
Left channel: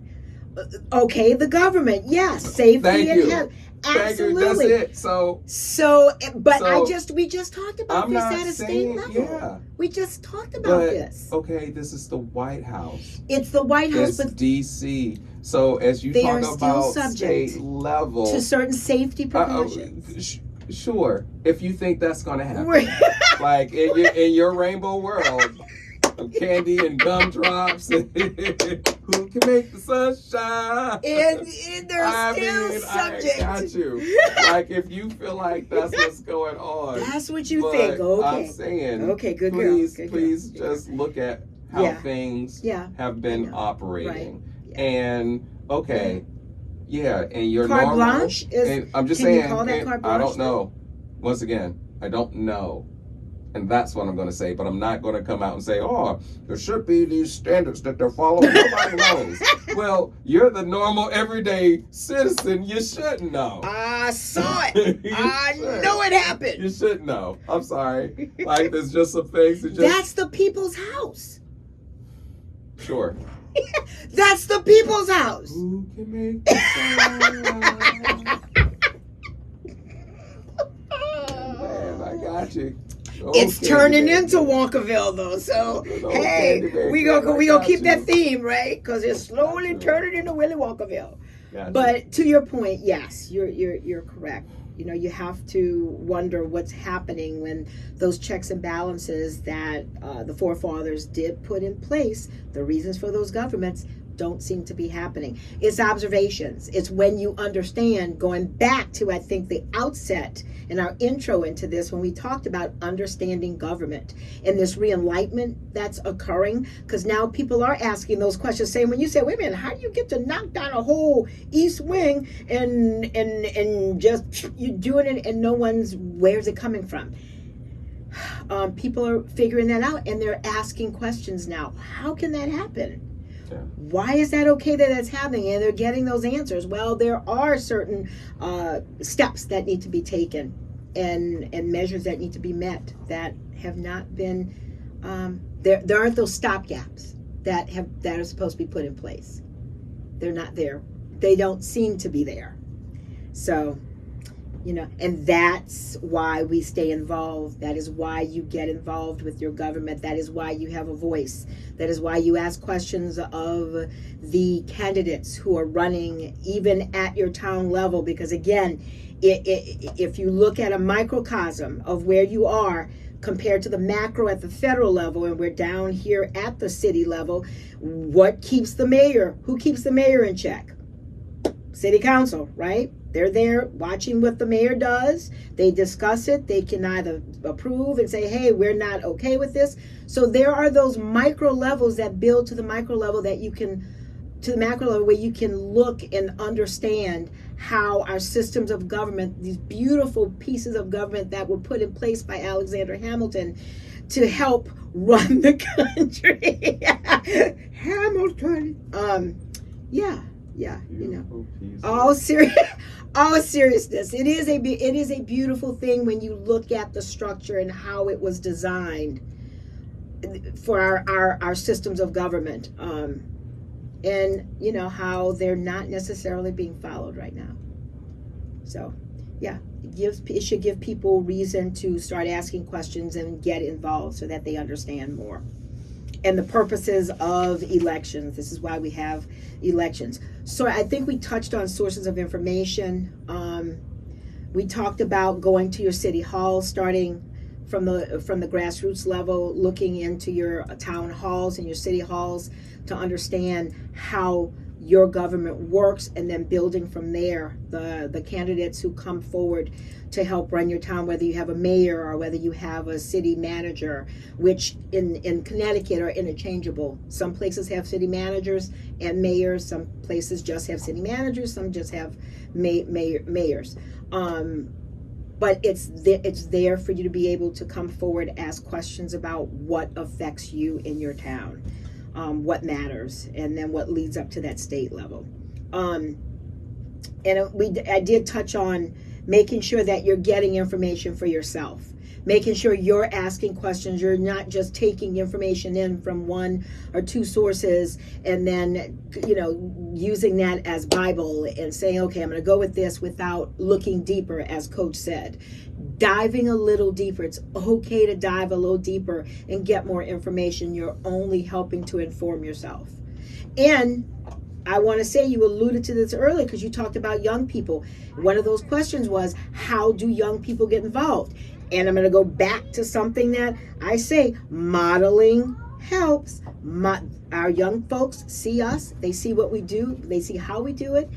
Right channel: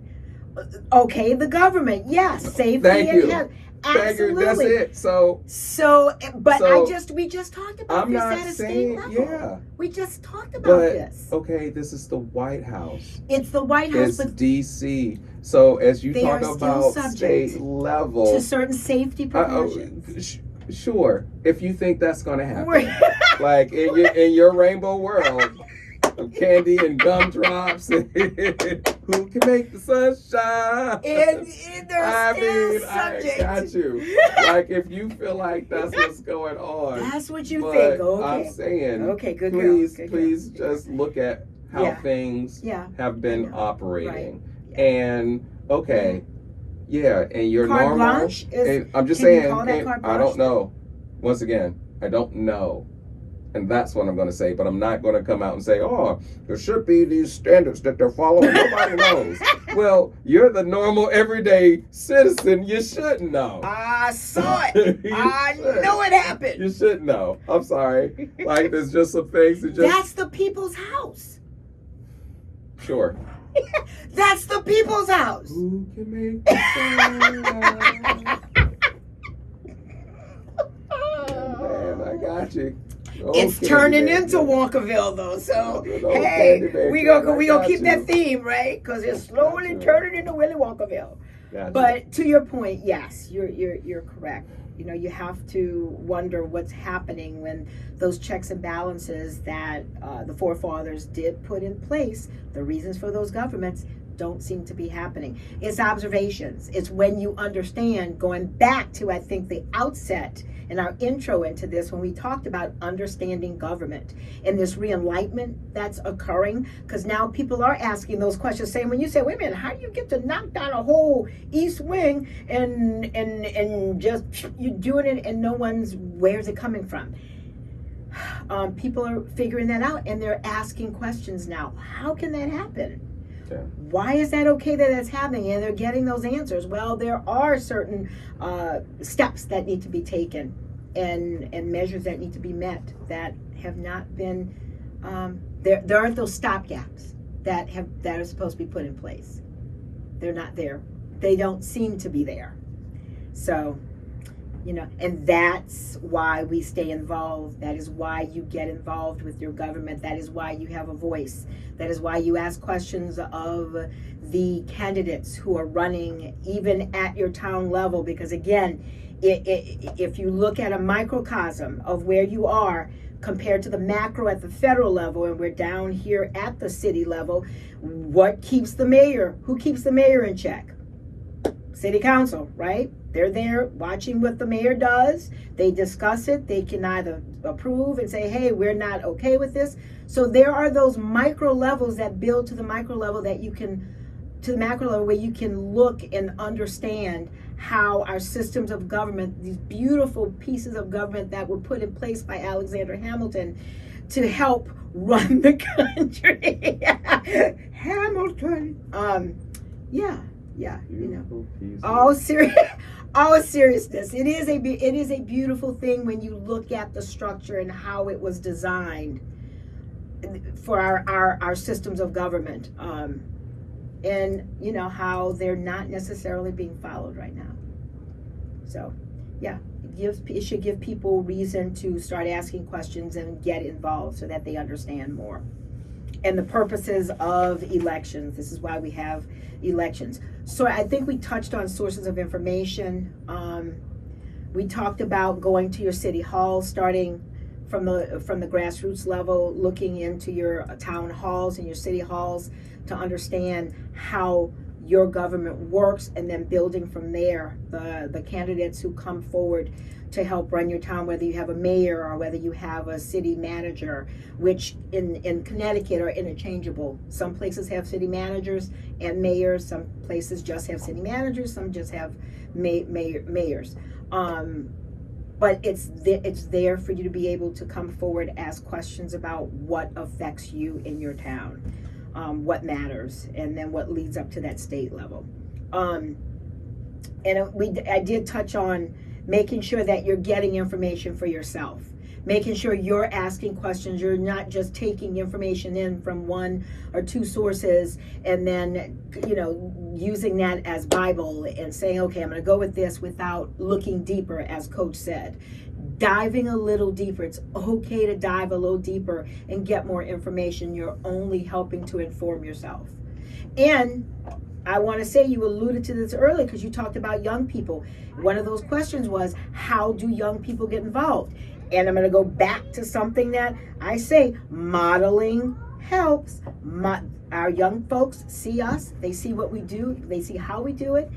Okay, the government. Yes, safety Thank and you. health. Thank you. That's Absolutely. it. So, we just talked about I'm this not at a state saying, level. yeah. We just talked about But this. okay, this is the White House. It's the White House, It's but DC. So as you they talk are still about subject state level, to certain safety precautions. Sure, if you think that's going to happen, like in your rainbow world of candy and gumdrops, who can make the sun shine? And they're still subject. I got you. Like, if you feel like that's what's going on, That's what you but think. Okay. I'm saying, Okay, good please, girl. Good please just look at how Yeah. things have I been know. operating. Right. And and you're Carte normal. blanche is- And I'm just can you saying, call that carte I blanche? don't know. Once again, I don't know. And that's what I'm going to say. But I'm not going to come out and say, oh, there should be these standards that they're following. Nobody knows. Well, you're the normal, everyday citizen. You should know. I saw it. I know it happened. You should know. I'm sorry. Like, there's just some things that just... That's the people's house. Sure. That's the people's house. Who can make the sun? Man, I got you. It's Okay, turning man. into Walkerville, though. So Okay, hey, baby. we gonna keep you. that theme, right? Because it's slowly you. turning into Willy Walkerville. Gotcha. But to your point, yes, you're correct. You know, you have to wonder what's happening when those checks and balances that the forefathers did put in place, the reasons for those governments, don't seem to be happening. It's observations. It's when you understand, going back to, I think, the outset in our intro into this, when we talked about understanding government and this re-enlightenment that's occurring, because now people are asking those questions, saying, when you say, wait a minute, how do you get to knock down a whole east wing and just you're doing it and no one's, where's it coming from? People are figuring that out, and they're asking questions now. How can that happen? Yeah. Why is that okay that that's happening? And they're getting those answers. Well, there are certain steps that need to be taken and measures that need to be met that have not been. There aren't those stopgaps that are supposed to be put in place. They're not there. They don't seem to be there. So, you know, and that's why we stay involved. That is why you get involved with your government. That is why you have a voice. That is why you ask questions of the candidates who are running, even at your town level. Because again, if you look at a microcosm of where you are compared to the macro at the federal level, and we're down here at the city level, what keeps the mayor? Who keeps the mayor in check? City council, right? They're there watching what the mayor does. They discuss it. They can either approve and say, hey, we're not okay with this. So there are those micro levels that build to the micro level that you can to the macro level, where you can look and understand how our systems of government, these beautiful pieces of government that were put in place by Alexander Hamilton to help run the country. Hamilton. Yeah, you know. All seriousness. It is a beautiful thing when you look at the structure and how it was designed for our systems of government. And you know how they're not necessarily being followed right now. So, yeah, it should give people reason to start asking questions and get involved so that they understand more. And the purposes of elections. This is why we have elections. So I think we touched on sources of information. We talked about going to your city hall, starting from the grassroots level, looking into your town halls and your city halls to understand how your government works, and then building from there the candidates who come forward to help run your town, whether you have a mayor or whether you have a city manager, which in Connecticut are interchangeable. Some places have city managers and mayors, some places just have city managers, some just have mayors. But it's there for you to be able to come forward, ask questions about what affects you in your town, what matters, and then what leads up to that state level. I did touch on making sure that you're getting information for yourself, making sure you're asking questions. You're not just taking information in from one or two sources and then, you know, using that as Bible and saying, okay, I'm going to go with this without looking deeper, as Coach said. Diving a little deeper. It's okay to dive a little deeper and get more information. You're only helping to inform yourself. And I want to say, you alluded to this earlier because you talked about young people. One of those questions was, how do young people get involved? And I'm going to go back to something that I say, modeling helps. Our young folks see us, they see what we do, they see how we do it,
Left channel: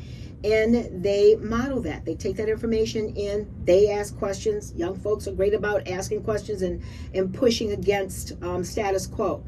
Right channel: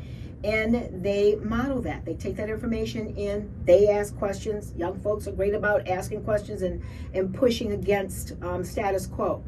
and they model that. They take that information in, they ask questions. Young folks are great about asking questions and pushing against status quo.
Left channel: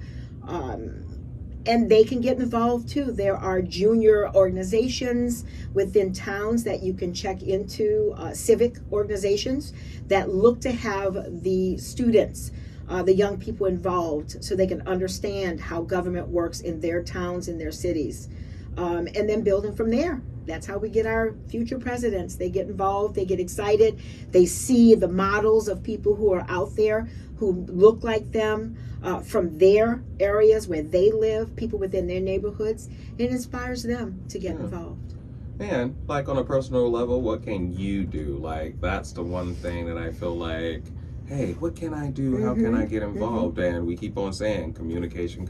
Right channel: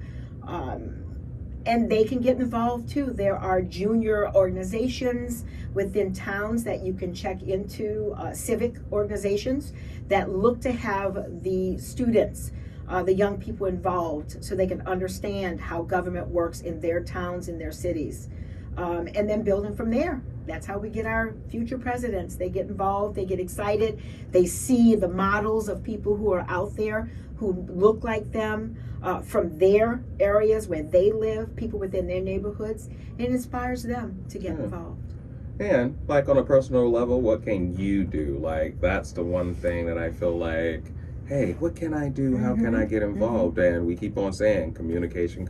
And they can get involved too. There are junior organizations within towns that you can check into, civic organizations that look to have the students, the young people involved, so they can understand how government works in their towns, in their cities. And then building from there. That's how we get our future presidents. They get involved, they get excited, they see the models of people who are out there who look like them, from their areas where they live, people within their neighborhoods, and it inspires them to get involved. And like on a personal level, what can you do? Like, that's the one thing that I feel like, hey, what can I do? How can I get involved? And we keep on saying communication.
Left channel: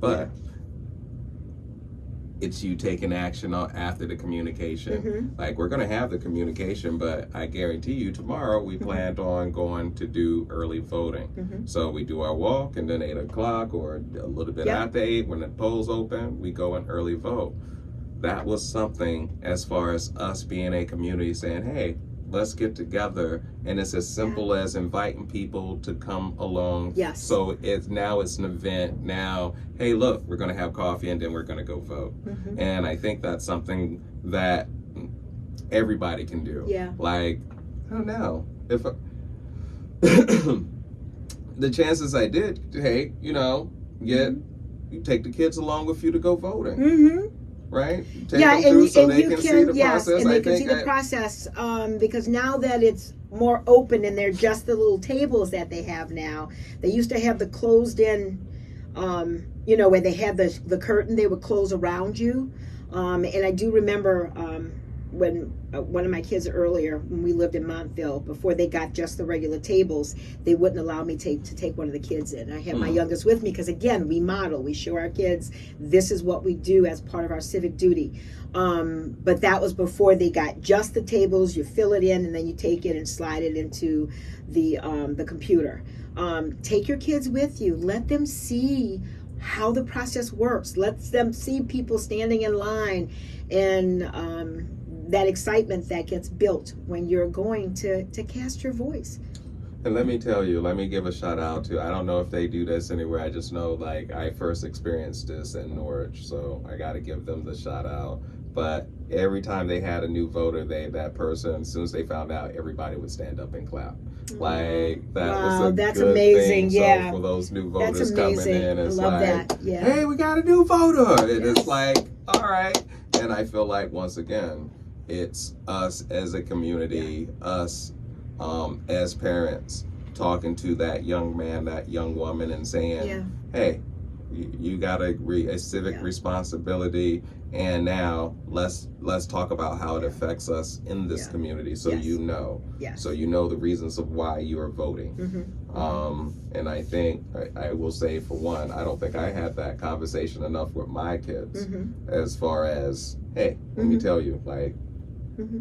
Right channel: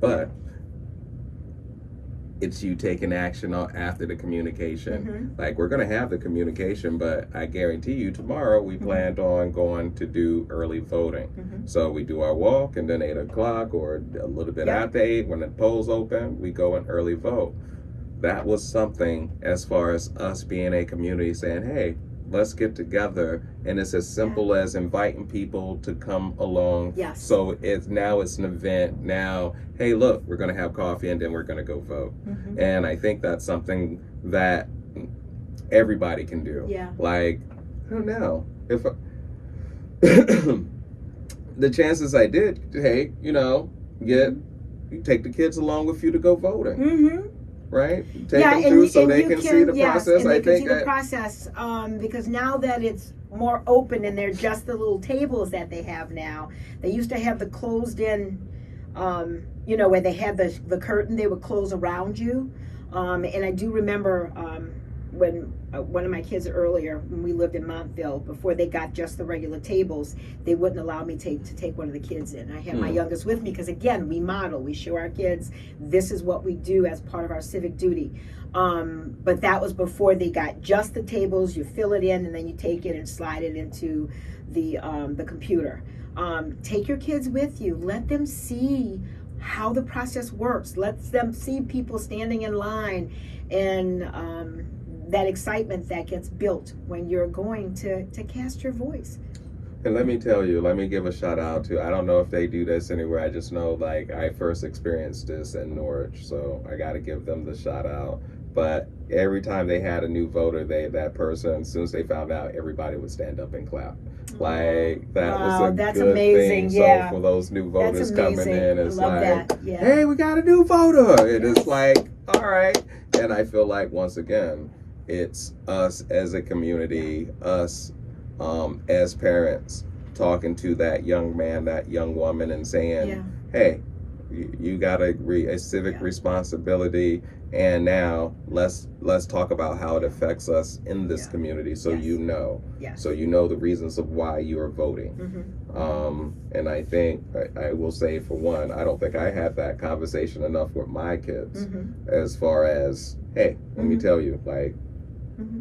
But it's you taking action after the communication. Like, we're going to have the communication, but I guarantee you tomorrow we planned on going to do early voting. So we do our walk, and then 8 o'clock or a little bit after 8, when the polls open, we go and early vote. That was something, as far as us being a community, saying, hey, let's get together. And it's as simple as inviting people to come along. So it's an event now. Hey, look, we're going to have coffee and then we're going to go vote. And I think that's something that everybody can do. Like, I don't know if the chances I did, hey, you know, you take the kids along with you to go voting. Right? Take them through so they can see the process. I think see the process, because now that it's more open and they're just the little tables that they have now. They used to have the closed in, you know, where they had the curtain, they would close around you. And I do remember when one of my kids earlier, when we lived in Montville, before they got just the regular tables, they wouldn't allow me to take one of the kids in. I had my youngest with me because, again, we model, we show our kids this is what we do as part of our civic duty. But that was before they got just the tables. You fill it in and then you take it and slide it into the computer. Take your kids with you. Let them see how the process works. Let them see people standing in line and that excitement that gets built when you're going to cast your voice. And let me tell you, let me give a shout out to, I don't know if they do this anywhere. I just know, like, I first experienced this in Norwich, so I got to give them the shout out. But every time they had a new voter, that person, as soon as they found out, everybody would stand up and clap. Like, that was a that's good amazing. thing. Yeah. So for those new voters That's coming amazing. in, it's I love like, that. Yeah. hey, we got a new voter. And Yes. it's like, all right. And I feel like, once again, it's us as a community, us as parents, talking to that young man, that young woman, and saying, hey, you got a civic responsibility, and now let's talk about how it affects us in this community, so you know, so you know the reasons of why you are voting. And I think I will say, for one, I don't think I had that conversation enough with my kids, as far as, hey, let me tell you, like,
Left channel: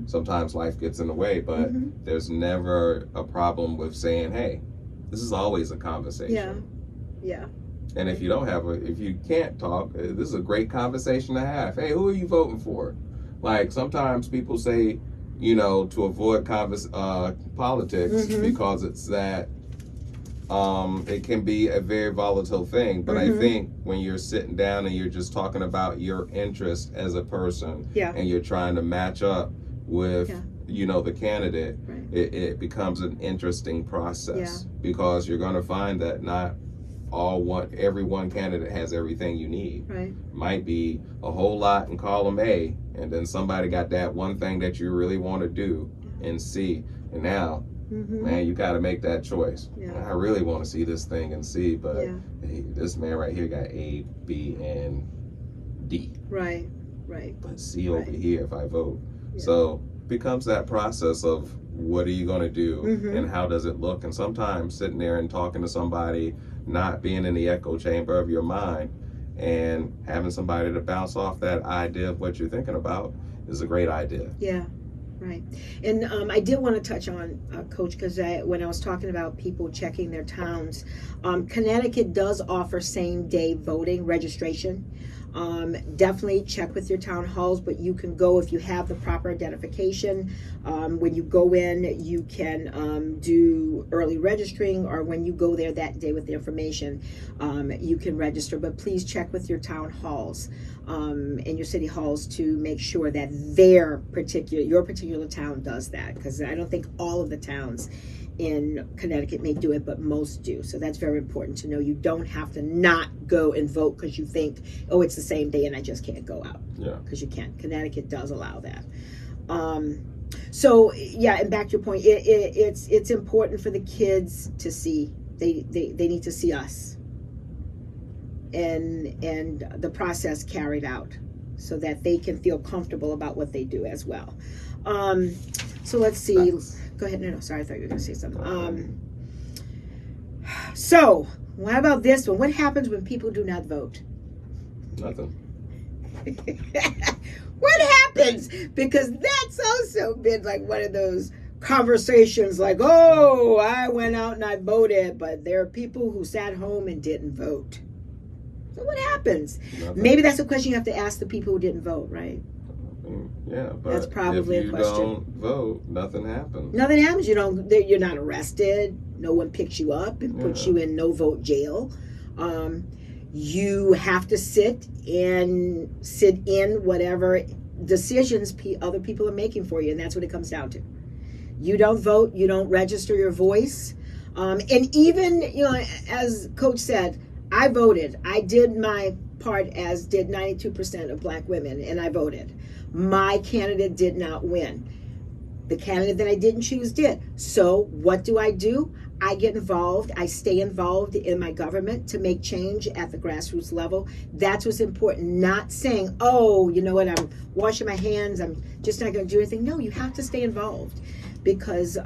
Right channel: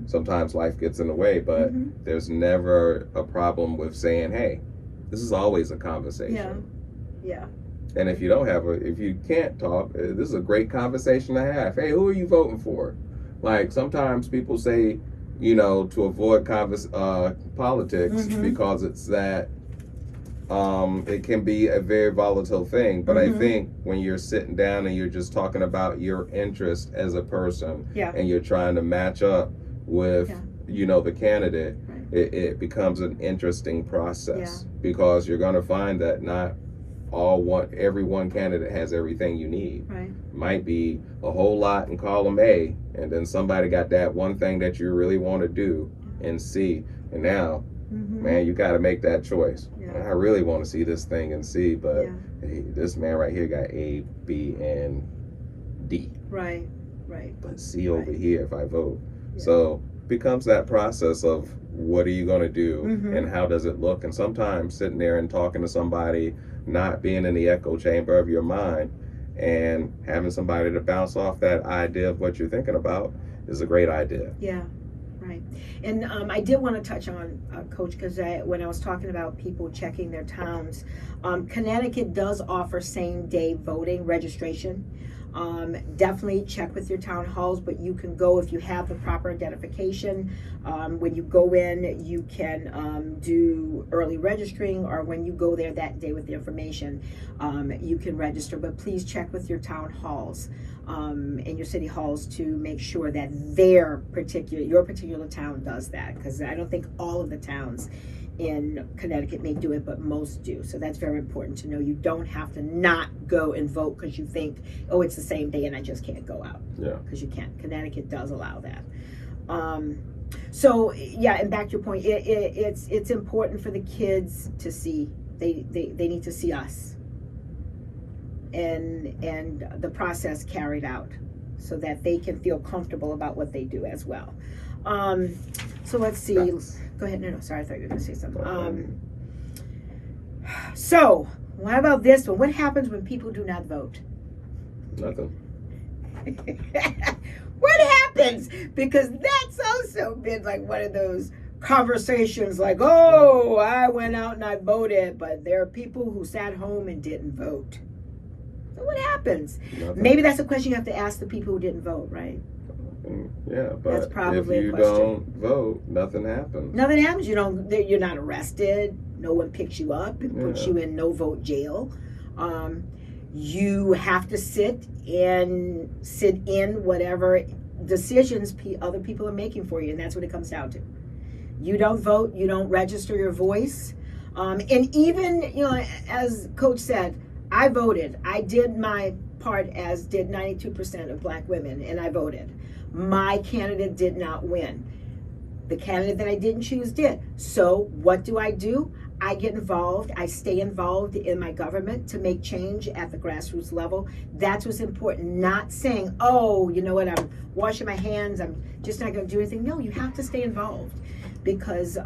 sometimes life gets in the way, but there's never a problem with saying, hey, this is always a conversation. Yeah. And if you don't if you can't talk, this is a great conversation to have. Hey, who are you voting for? Like, sometimes people say, you know, to avoid politics, because it's that it can be a very volatile thing. But I think when you're sitting down and you're just talking about your interest as a person, and you're trying to match up with, you know, the candidate, it becomes an interesting process, because you're going to find that not every one candidate has everything you need. Might be a whole lot in column A, and then somebody got that one thing that you really want to do in C, and now, man, you got to make that choice. I really want to see this thing in C, but hey, this man right here got A, B, and D. But C over here if I vote. So becomes that process of, what are you going to do, and how does it look? And sometimes sitting there and talking to somebody, not being in the echo chamber of your mind, and having somebody to bounce off that idea of what you're thinking about, is a great idea. And I did want to touch on, Coach, because when I was talking about people checking their towns, Connecticut does offer same-day voting registration. Definitely check with your town halls, but you can go if you have the proper identification. When you go in, you can do early registering, or when you go there that day with the information, you can register. But please check with your town halls and your city halls to make sure that your particular town does that, because I don't think all of the towns in Connecticut may do it, but most do. So that's very important to know. You don't have to not go and vote because you think, oh, it's the same day and I just can't go out. Because you can't. Connecticut does allow that. So yeah, and back to your point, it's important for the kids to see. They need to see us and the process carried out, so that they can feel comfortable about what they do as well. So let's see. Go ahead. No, sorry. I thought you were going to say something. So what about this one? What happens when people do not vote? Nothing. What happens? Because that's also been like one of those conversations, like, oh, I went out and I voted, but there are people who sat home and didn't vote. So what happens? Nothing. Maybe that's a question you have to ask the people who didn't vote, right? Yeah, but that's probably if you a question. don't vote, nothing happens. Nothing happens. You're not arrested. No one picks you up and puts you in no vote jail. You have to sit in whatever decisions other people are making for you, and that's what it comes down to. You don't vote. You don't register your voice, and even, as Coach said, I voted. I did my part, as did 92% of Black women, and I voted. My candidate did not win. The candidate that I didn't choose did. So what do? I get involved. I stay involved in my government to make change at the grassroots level. That's what's important. Not saying, oh, you know what, I'm washing my hands, I'm just not going to do anything. No, you have to stay involved, because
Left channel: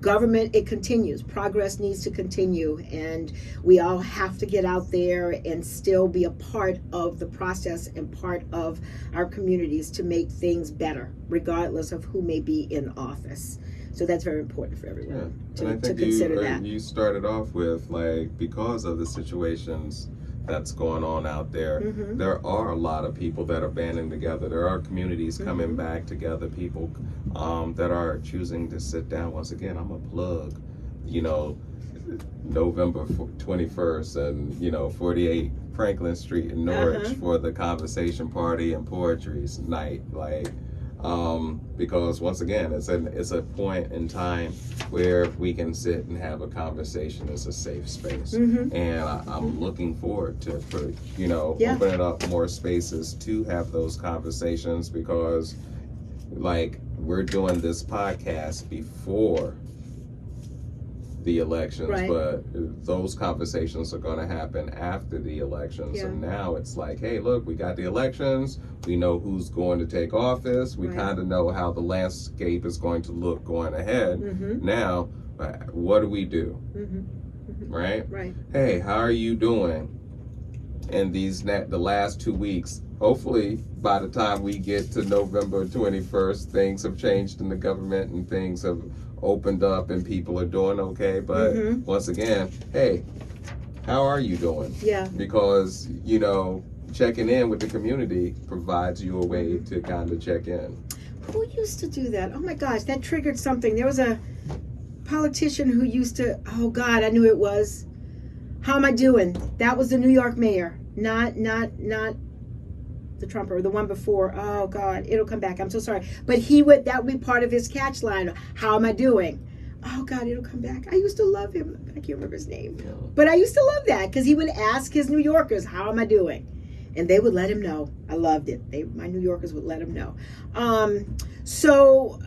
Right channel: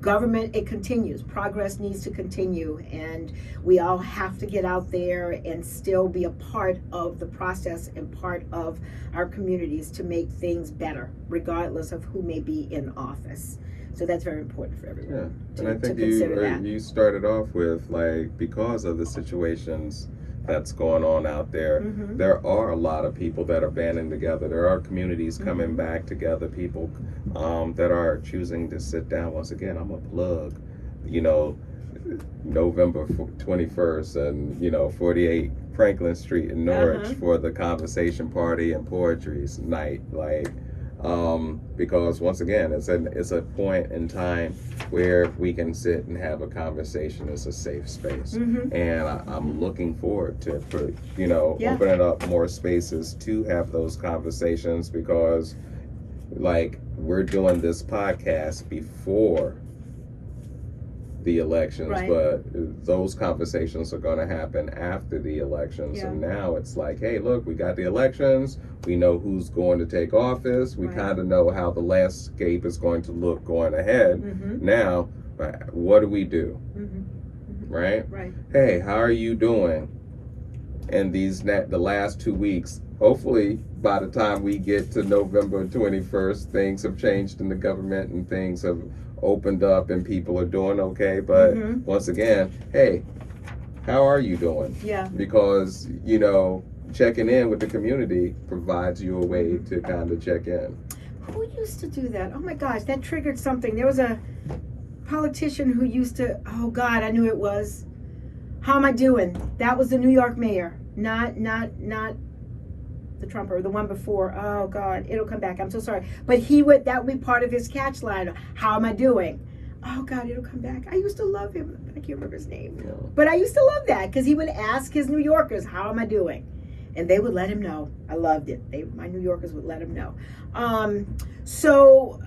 government, it continues. Progress needs to continue, and we all have to get out there and still be a part of the process and part of our communities to make things better, regardless of who may be in office. So that's very important for everyone and I think you started off with, like, because of the situations that's going on out there, there are a lot of people that are banding together. There are communities coming back together, people that are choosing to sit down. Once again, I'm a plug November 21st and 48 Franklin Street in Norwich for the conversation party and poetry night, because once again it's a point in time where we can sit and have a conversation. It's a safe space, and I'm looking forward to opening up more spaces to have those conversations, because we're doing this podcast before the elections, but those conversations are going to happen after the elections. And now it's like, hey, look, we got the elections, we know who's going to take office, we kind of know how the landscape is going to look going ahead. Now, what do we do? Right? Hey, how are you doing in the last 2 weeks? Hopefully by the time we get to November 21st, things have changed in the government and things have opened up and people are doing okay. But once again, hey, how are you doing? Because checking in with the community provides you a way to kind of check in. Who used to do that? Oh my gosh, that triggered something. There was a politician who used to, oh God, I knew it was. How am I doing? That was the New York mayor, not the Trump or the one before. Oh God, it'll come back. I'm so sorry. But that would be part of his catch line. How am I doing? Oh God, it'll come back. I used to love him. I can't remember his name. But I used to love that because he would ask his New Yorkers, how am I doing? And they would let him know. I loved it. My New Yorkers would let him know. So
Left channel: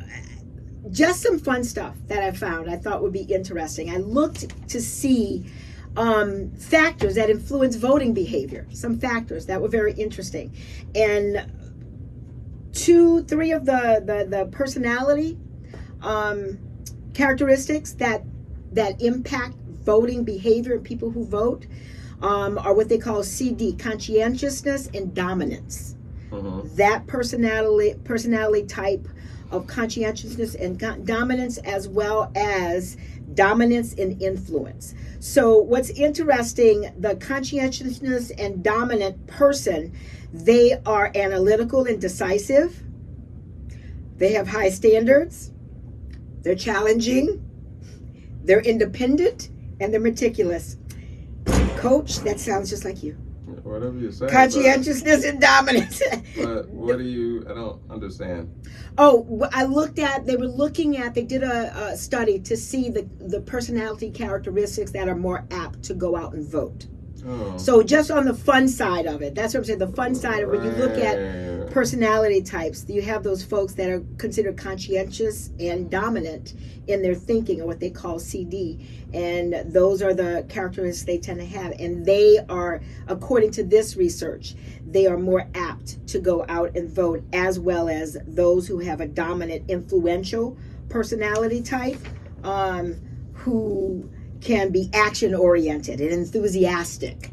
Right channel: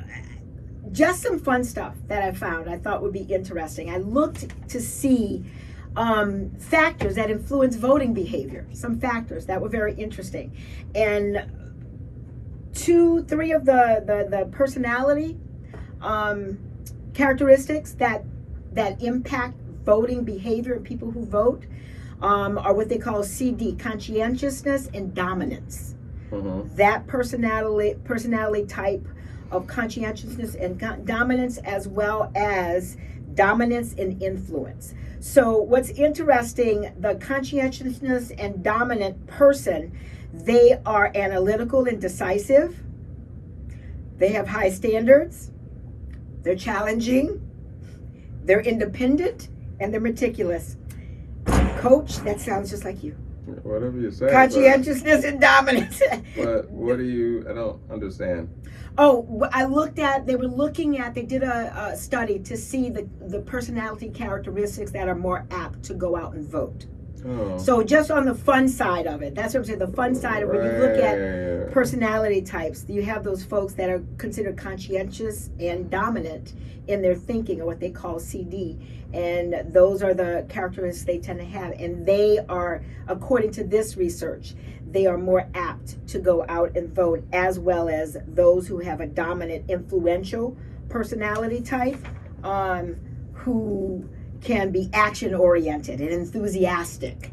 just some fun stuff that I found I thought would be interesting. I looked to see factors that influence voting behavior, some factors that were very interesting. And 2-3 of the personality characteristics that impact voting behavior in people who vote are what they call CD, conscientiousness and dominance. That personality type of conscientiousness and dominance, as well as dominance and influence. So what's interesting, the conscientiousness and dominant person, they are analytical and decisive. They have high standards. They're challenging. They're independent, and they're meticulous. Coach, that sounds just like you. Whatever you say. Conscientiousness and dominance. But I don't understand. Oh, they did a study to see the personality characteristics that are more apt to go out and vote. So just on the fun side of it, that's what I'm saying, the fun side of it, when you look at personality types, you have those folks that are considered conscientious and dominant in their thinking, or what they call CD, and those are the characteristics they tend to have, and they are, according to this research, they are more apt to go out and vote, as well as those who have a dominant, influential personality type, who can be action-oriented and enthusiastic,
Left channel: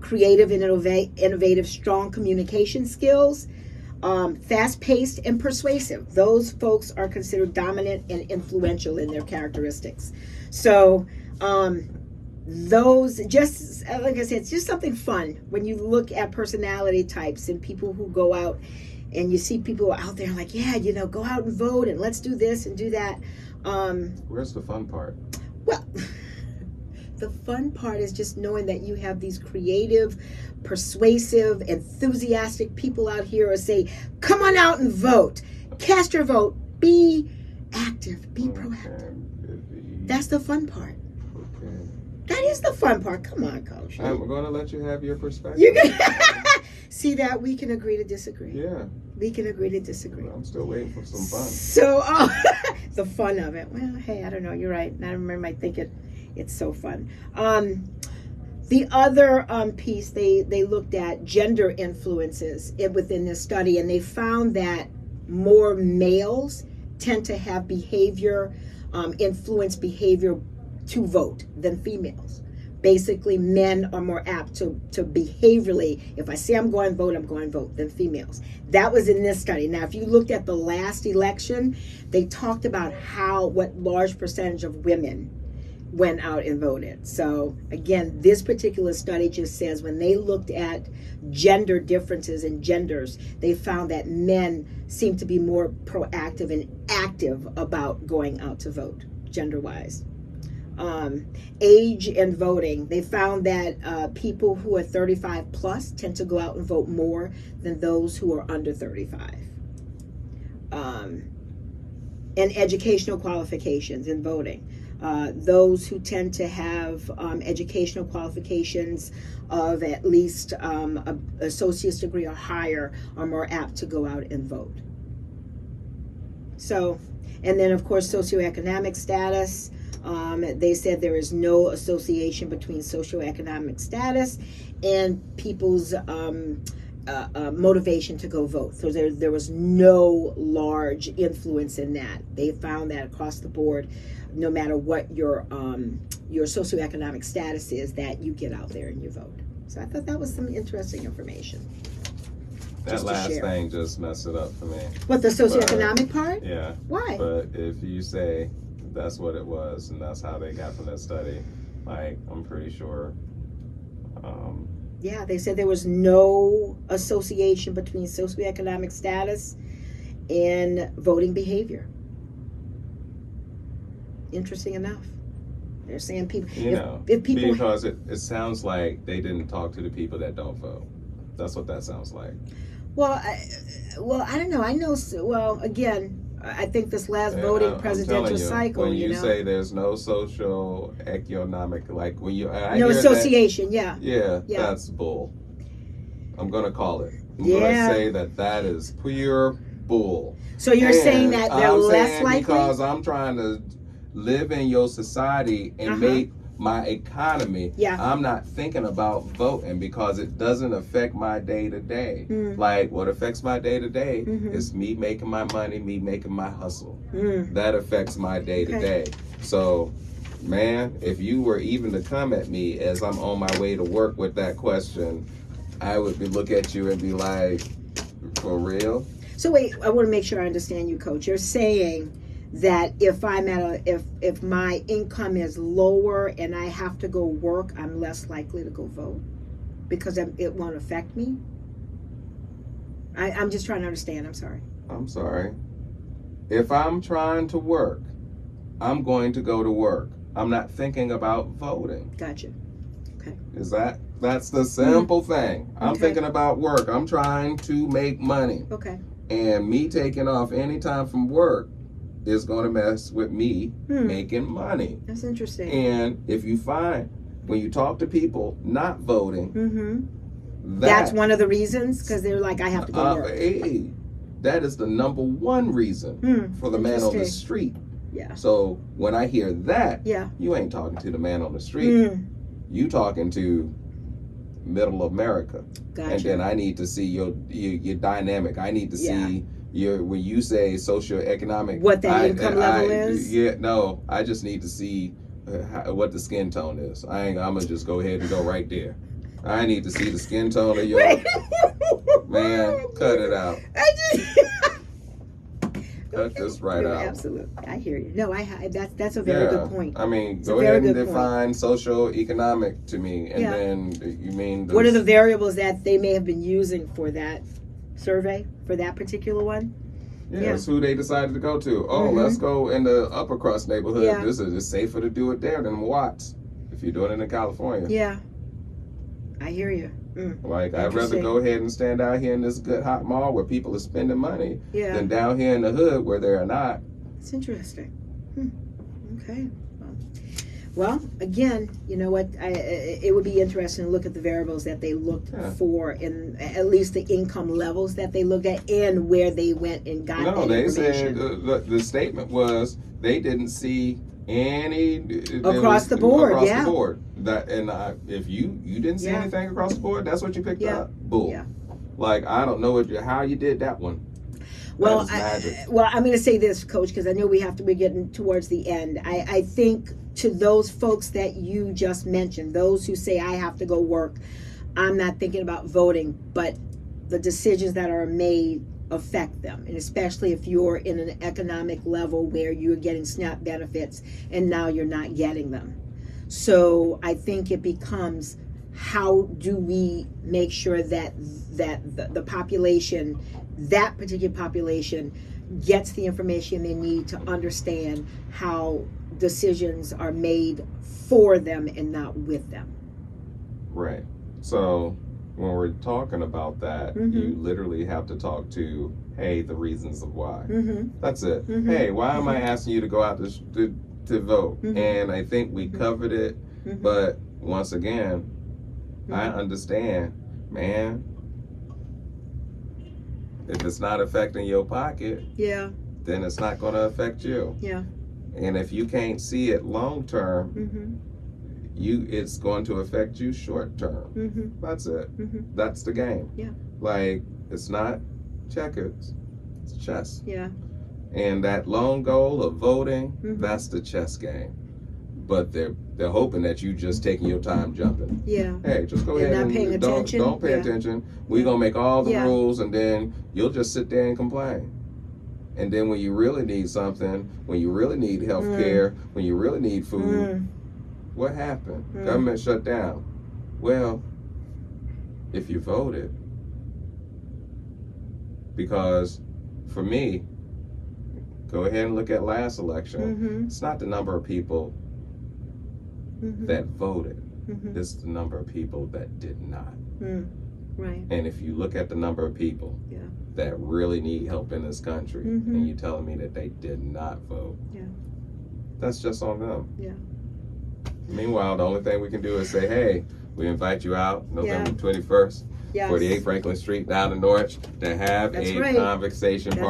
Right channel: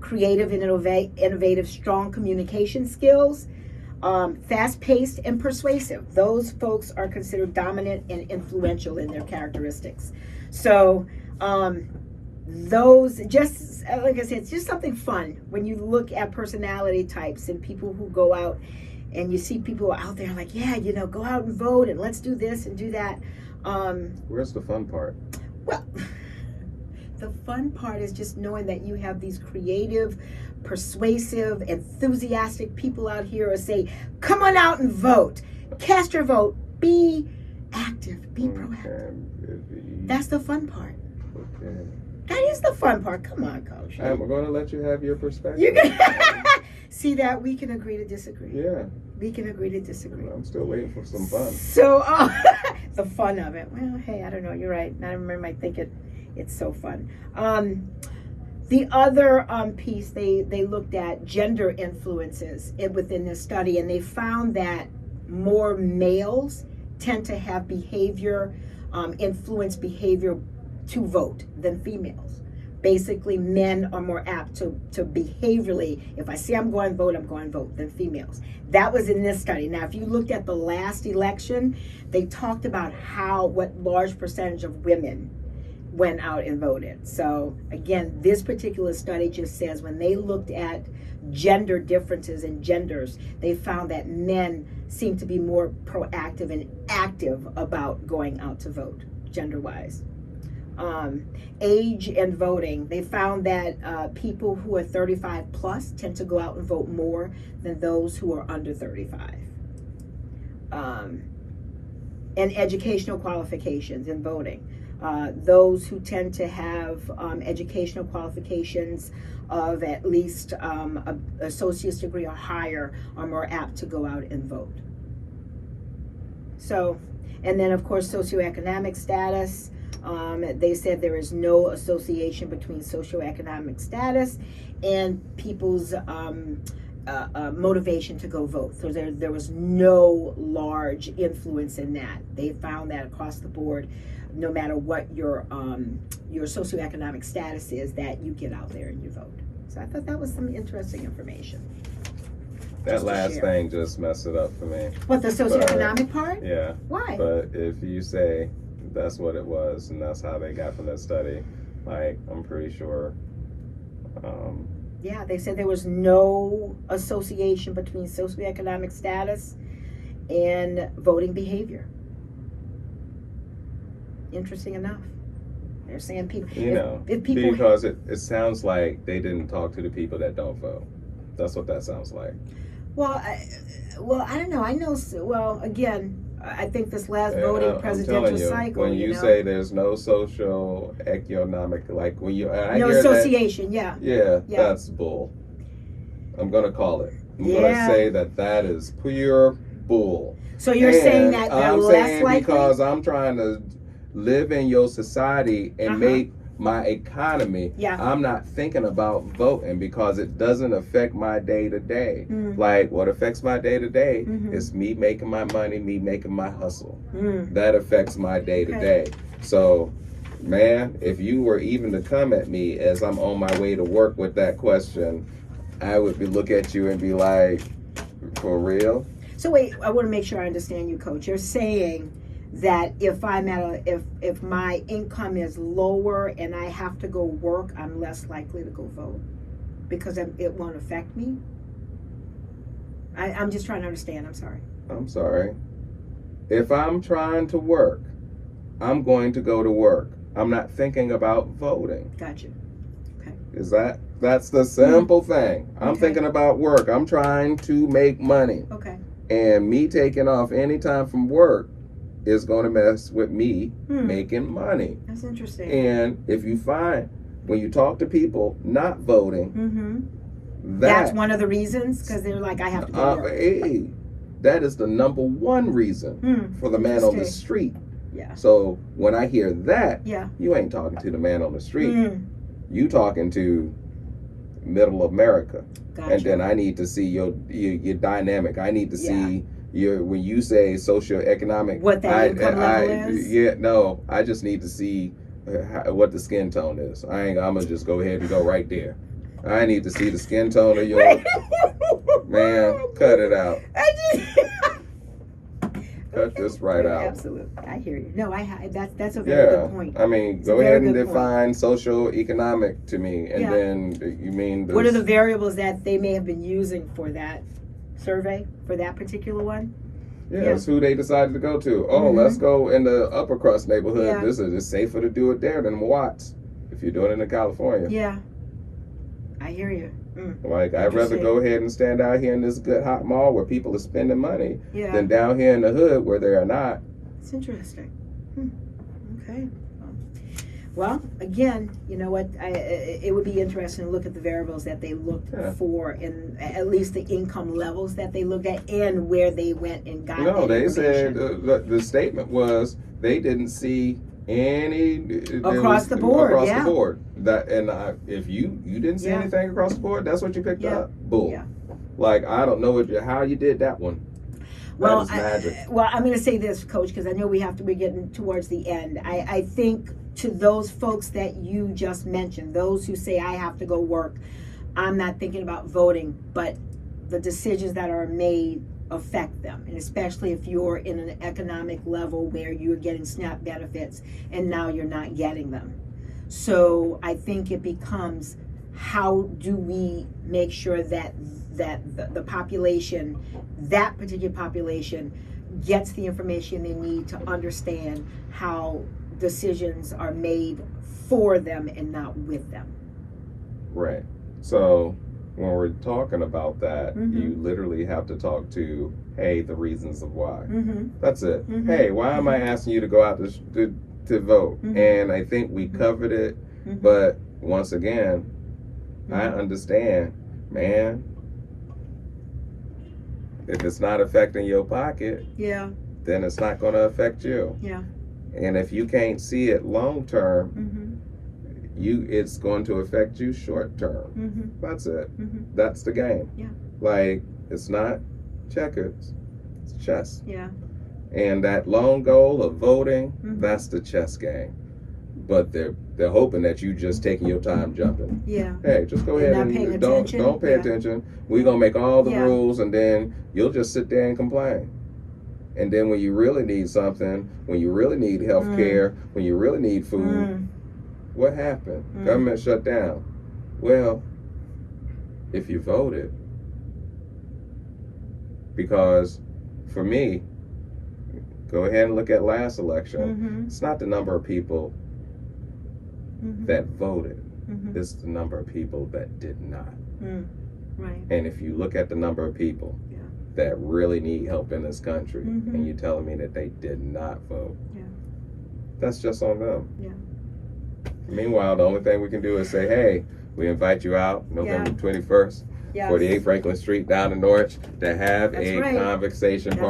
creative and innovative, strong communication skills, fast-paced and persuasive. Those folks are considered dominant and influential in their characteristics. So those, just like I said, it's just something fun when you look at personality types and people who go out and you see people out there like, yeah, go out and vote and let's do this and do that. Where's the fun part? Well, the fun part is just knowing that you have these creative, persuasive, enthusiastic people out here who say, come on out and vote. Cast your vote. Be active. Be proactive. That's the fun part. That is the fun part. Come on, Coach. I'm going to let you have your perspective. See that? We can agree to disagree. Yeah. We can agree to disagree. I'm still waiting for some fun. So, the fun of it. Well, hey, I don't know. You're right. I remember, I think it's so fun. The other piece, they looked at gender influences within this study, and they found that more males tend to have influence behavior to vote than females. Basically, men are more apt to behaviorally, if I say I'm going to vote, than females. That was in this study. Now, if you looked at the last election, they talked about what large percentage of women went out and voted. So again, this particular study just says when they looked at gender differences in genders, they found that men seem to be more proactive and active about going out to vote, gender-wise. Age and voting. They found that people who are 35 plus tend to go out and vote more than those who are under 35. And educational qualifications in voting. Those who tend to have educational qualifications of at least an associate's degree or higher are more apt to go out and vote. So, and then of course socioeconomic status. They said there is no association between socioeconomic status and people's motivation to go vote. So there was no large influence in that. They found that across the board, no matter what your socioeconomic status is, that you get out there and you vote. So I thought that was some interesting information. That last thing just messed it up for me. What, the socioeconomic part? Yeah. Why? But if you say that's what it was and that's how they got from that study, like, I'm pretty sure. Yeah, they said there was no association between socioeconomic status and voting behavior. Interesting enough. They're saying people, if people, because it sounds like they didn't talk to the people that don't vote. That's what that sounds like. Well, I don't know. I know. Well, again, I think this last voting presidential cycle. When you say there's no social economic, like when you no association, yeah, that's bull. I'm gonna call it. I'm gonna say that is pure bull. So you're saying that they're less likely? Because I'm trying to live in your society and make my economy. I'm not thinking about voting because it doesn't affect my day to day. Like, what affects my day to day is me making my money, me making my hustle. That affects my day to day. So, man, if you were even to come at me as I'm on my way to work with that question, I would look at you and be like, for real? So wait, I want to make sure I understand you, Coach. You're saying that if I'm if my income is lower and I have to go work, I'm less likely to go vote because it won't affect me? I'm just trying to understand. I'm sorry. If I'm trying to work, I'm going to go to work. I'm not thinking about voting. Gotcha. Okay. That's the simple thing. I'm thinking about work. I'm trying to make money. Okay. And me taking off any time from work is going to mess with me making money. That's interesting. And if you find, when you talk to people not voting, that's one of the reasons, because they're like, I have to go work. Hey, that is the number one reason for the man on the street. Yeah. So when I hear that, you ain't talking to the man on the street. You talking to middle America. Gotcha. And then I need to see your dynamic. I need to see when you say socioeconomic, what that income level is. I just need to see what the skin tone is. I'm gonna just go ahead and go right there. I need to see the skin tone of your man. Cut it out. Cut this right out. Absolutely, I hear you. No, that's a very good point. I mean, go ahead and define socio-economic to me, and then you mean what are the variables that they may have been using for that survey, for that particular one? It's who they decided to go to. Oh, let's go in the upper crust neighborhood. This is just safer to do it there than Watts if you're doing it in California. Yeah, I hear you. Like, I'd rather go ahead and stand out here in this good hot mall where people are spending money than down here in the hood where they are not. It's interesting. Okay. Well, again, you know what? It would be interesting to look at the variables that they looked for, in at least the income levels that they looked at, and where they went and got. No, they said the statement was they didn't see any across the board. Across the board. That if you didn't see anything across the board, that's what you picked up. Bull. Yeah. Like, I don't know how you did that one. Well, I'm going to say this, Coach, because I know we're getting towards the end. I think to those folks that you just mentioned, those who say I have to go work, I'm not thinking about voting, but the decisions that are made affect them, and especially if you're in an economic level where you're getting SNAP benefits and now you're not getting them. So I think it becomes, how do we make sure that the population, that particular population, gets the information they need to understand how decisions are made for them and not with them. Right. So when we're talking about that, Mhm. you literally have to talk to, hey, the reasons of why. Mm-hmm. That's it. Mhm. Hey, why am I asking you to go out to vote? Mhm. And I think we Mhm. covered it, Mhm. but once again, I Mhm. understand, man. If it's not affecting your pocket, Yeah. then it's not going to affect you. Yeah. And if you can't see it long term, Mm-hmm. it's going to affect you short term. Mm-hmm. That's it. Mm-hmm. That's the game. Yeah. Like, it's not checkers, it's chess. Yeah. And that long goal of voting, Mhm. that's the chess game. But they're hoping that you just taking your time jumping. Yeah. Hey, just go And ahead not and paying don't attention. pay Yeah. attention. We're gonna make all the Yeah. rules, and then you'll just sit there and complain. And then when you really need something, when you really need health care, when you really need food, what happened? Government shut down. Well, if you voted, because for me, go ahead and look at last election. Mm-hmm. It's not the number of people Mm-hmm. that voted. Mm-hmm. It's the number of people that did not. Right. And if you look at the number of people Yeah. that really need help in this country, Mhm. and you're telling me that they did not vote, Yeah. that's just on them. Yeah. Meanwhile, the only thing we can do is say, hey, we invite you out November 21st, Yes. 48 Franklin Street down in Norwich, to have That's a right. conversation. That's